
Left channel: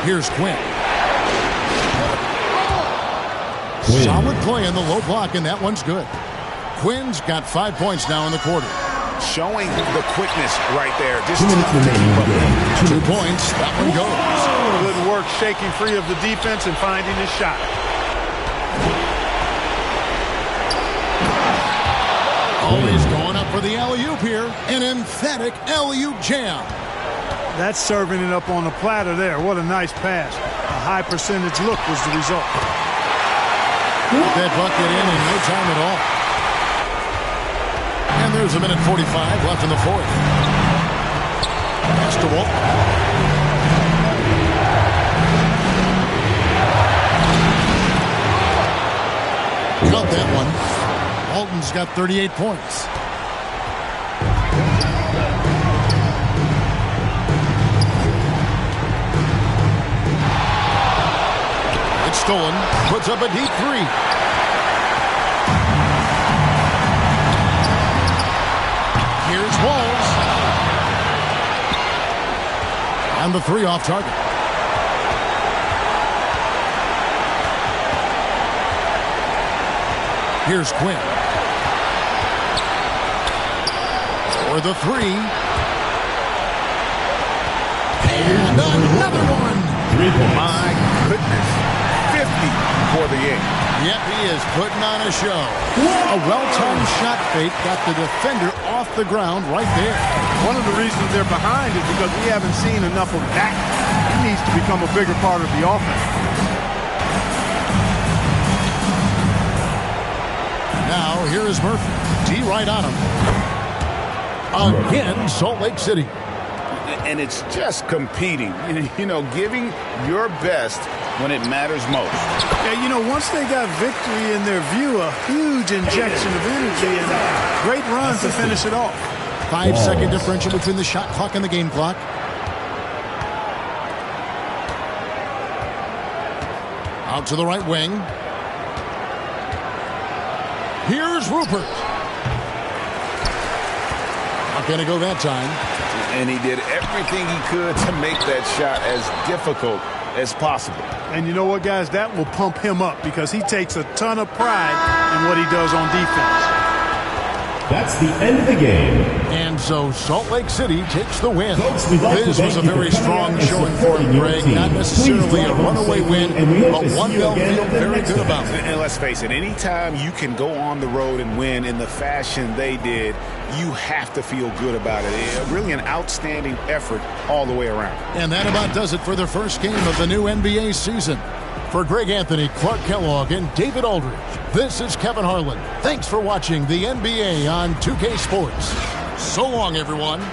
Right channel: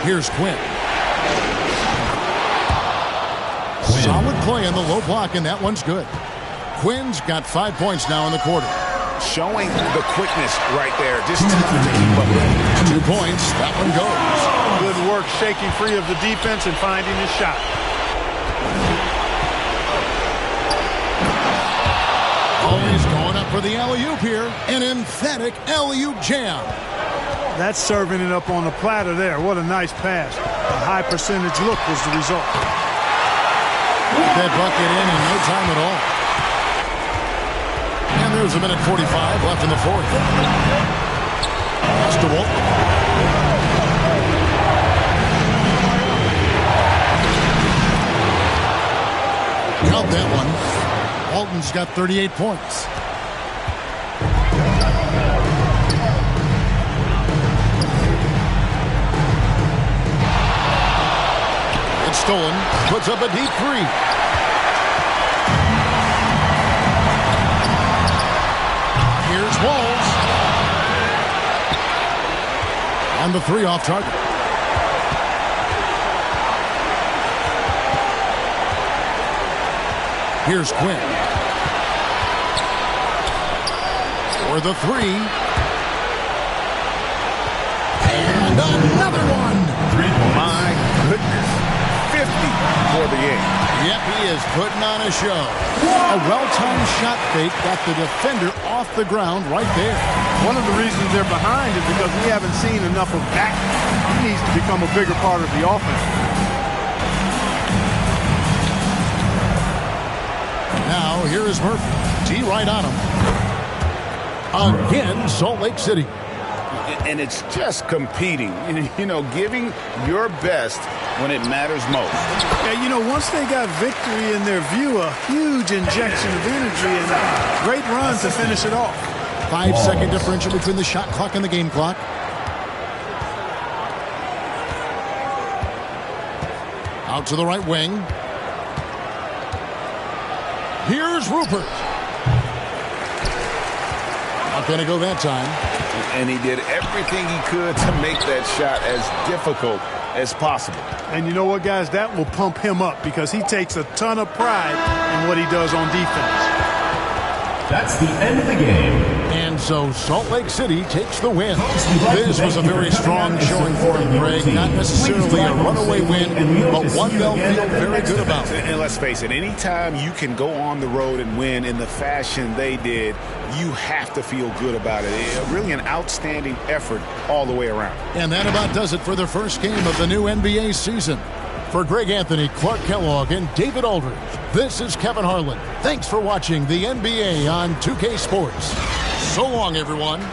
Here's Quinn. Solid play in the low block, and that one's good. Quinn's got 5 points now in the quarter. Showing the quickness right there. Just tough to keep up with. 2 points. That one goes. Good work shaking free of the defense and finding his shot. Always going up for the alley-oop here. An emphatic alley-oop jam. That's serving it up on the platter there. What a nice pass. A high percentage look was the result. Get that bucket in no time at all. And there's a minute 45 left in the fourth. Pass to Walton. Count that one. Walton's got 38 points. It's stolen. Puts up a deep 3. Here's Walls. And the 3 off target. Here's Quinn. For the 3. And another one. My goodness. 50 for the game. Yep, he is putting on a show. A well-timed shot fake got the defender off the ground right there. One of the reasons they're behind is because we haven't seen enough of that needs to become a bigger part of the offense. Now, here is Murphy. T right on him. Again, Salt Lake City. And it's just competing, giving your best when it matters most. Yeah, once they got victory in their view, a huge injection of energy and a great run to finish it off. 5-second differential between the shot clock and the game clock. Out to the right wing. Here's Rupert. Not going to go that time. And he did everything he could to make that shot as difficult as possible. And you know what, guys? That will pump him up because he takes a ton of pride in what he does on defense. That's the end of the game. And so Salt Lake City takes the win. This was a very strong showing for him, Greg. Not necessarily a runaway win, but one they'll feel very good about. And let's face it, anytime you can go on the road and win in the fashion they did, you have to feel good about it. Really an outstanding effort all the way around. And that about does it for the first game of the new NBA season. For Greg Anthony, Clark Kellogg, and David Aldridge, this is Kevin Harlan. Thanks for watching the NBA on 2K Sports. So long, everyone.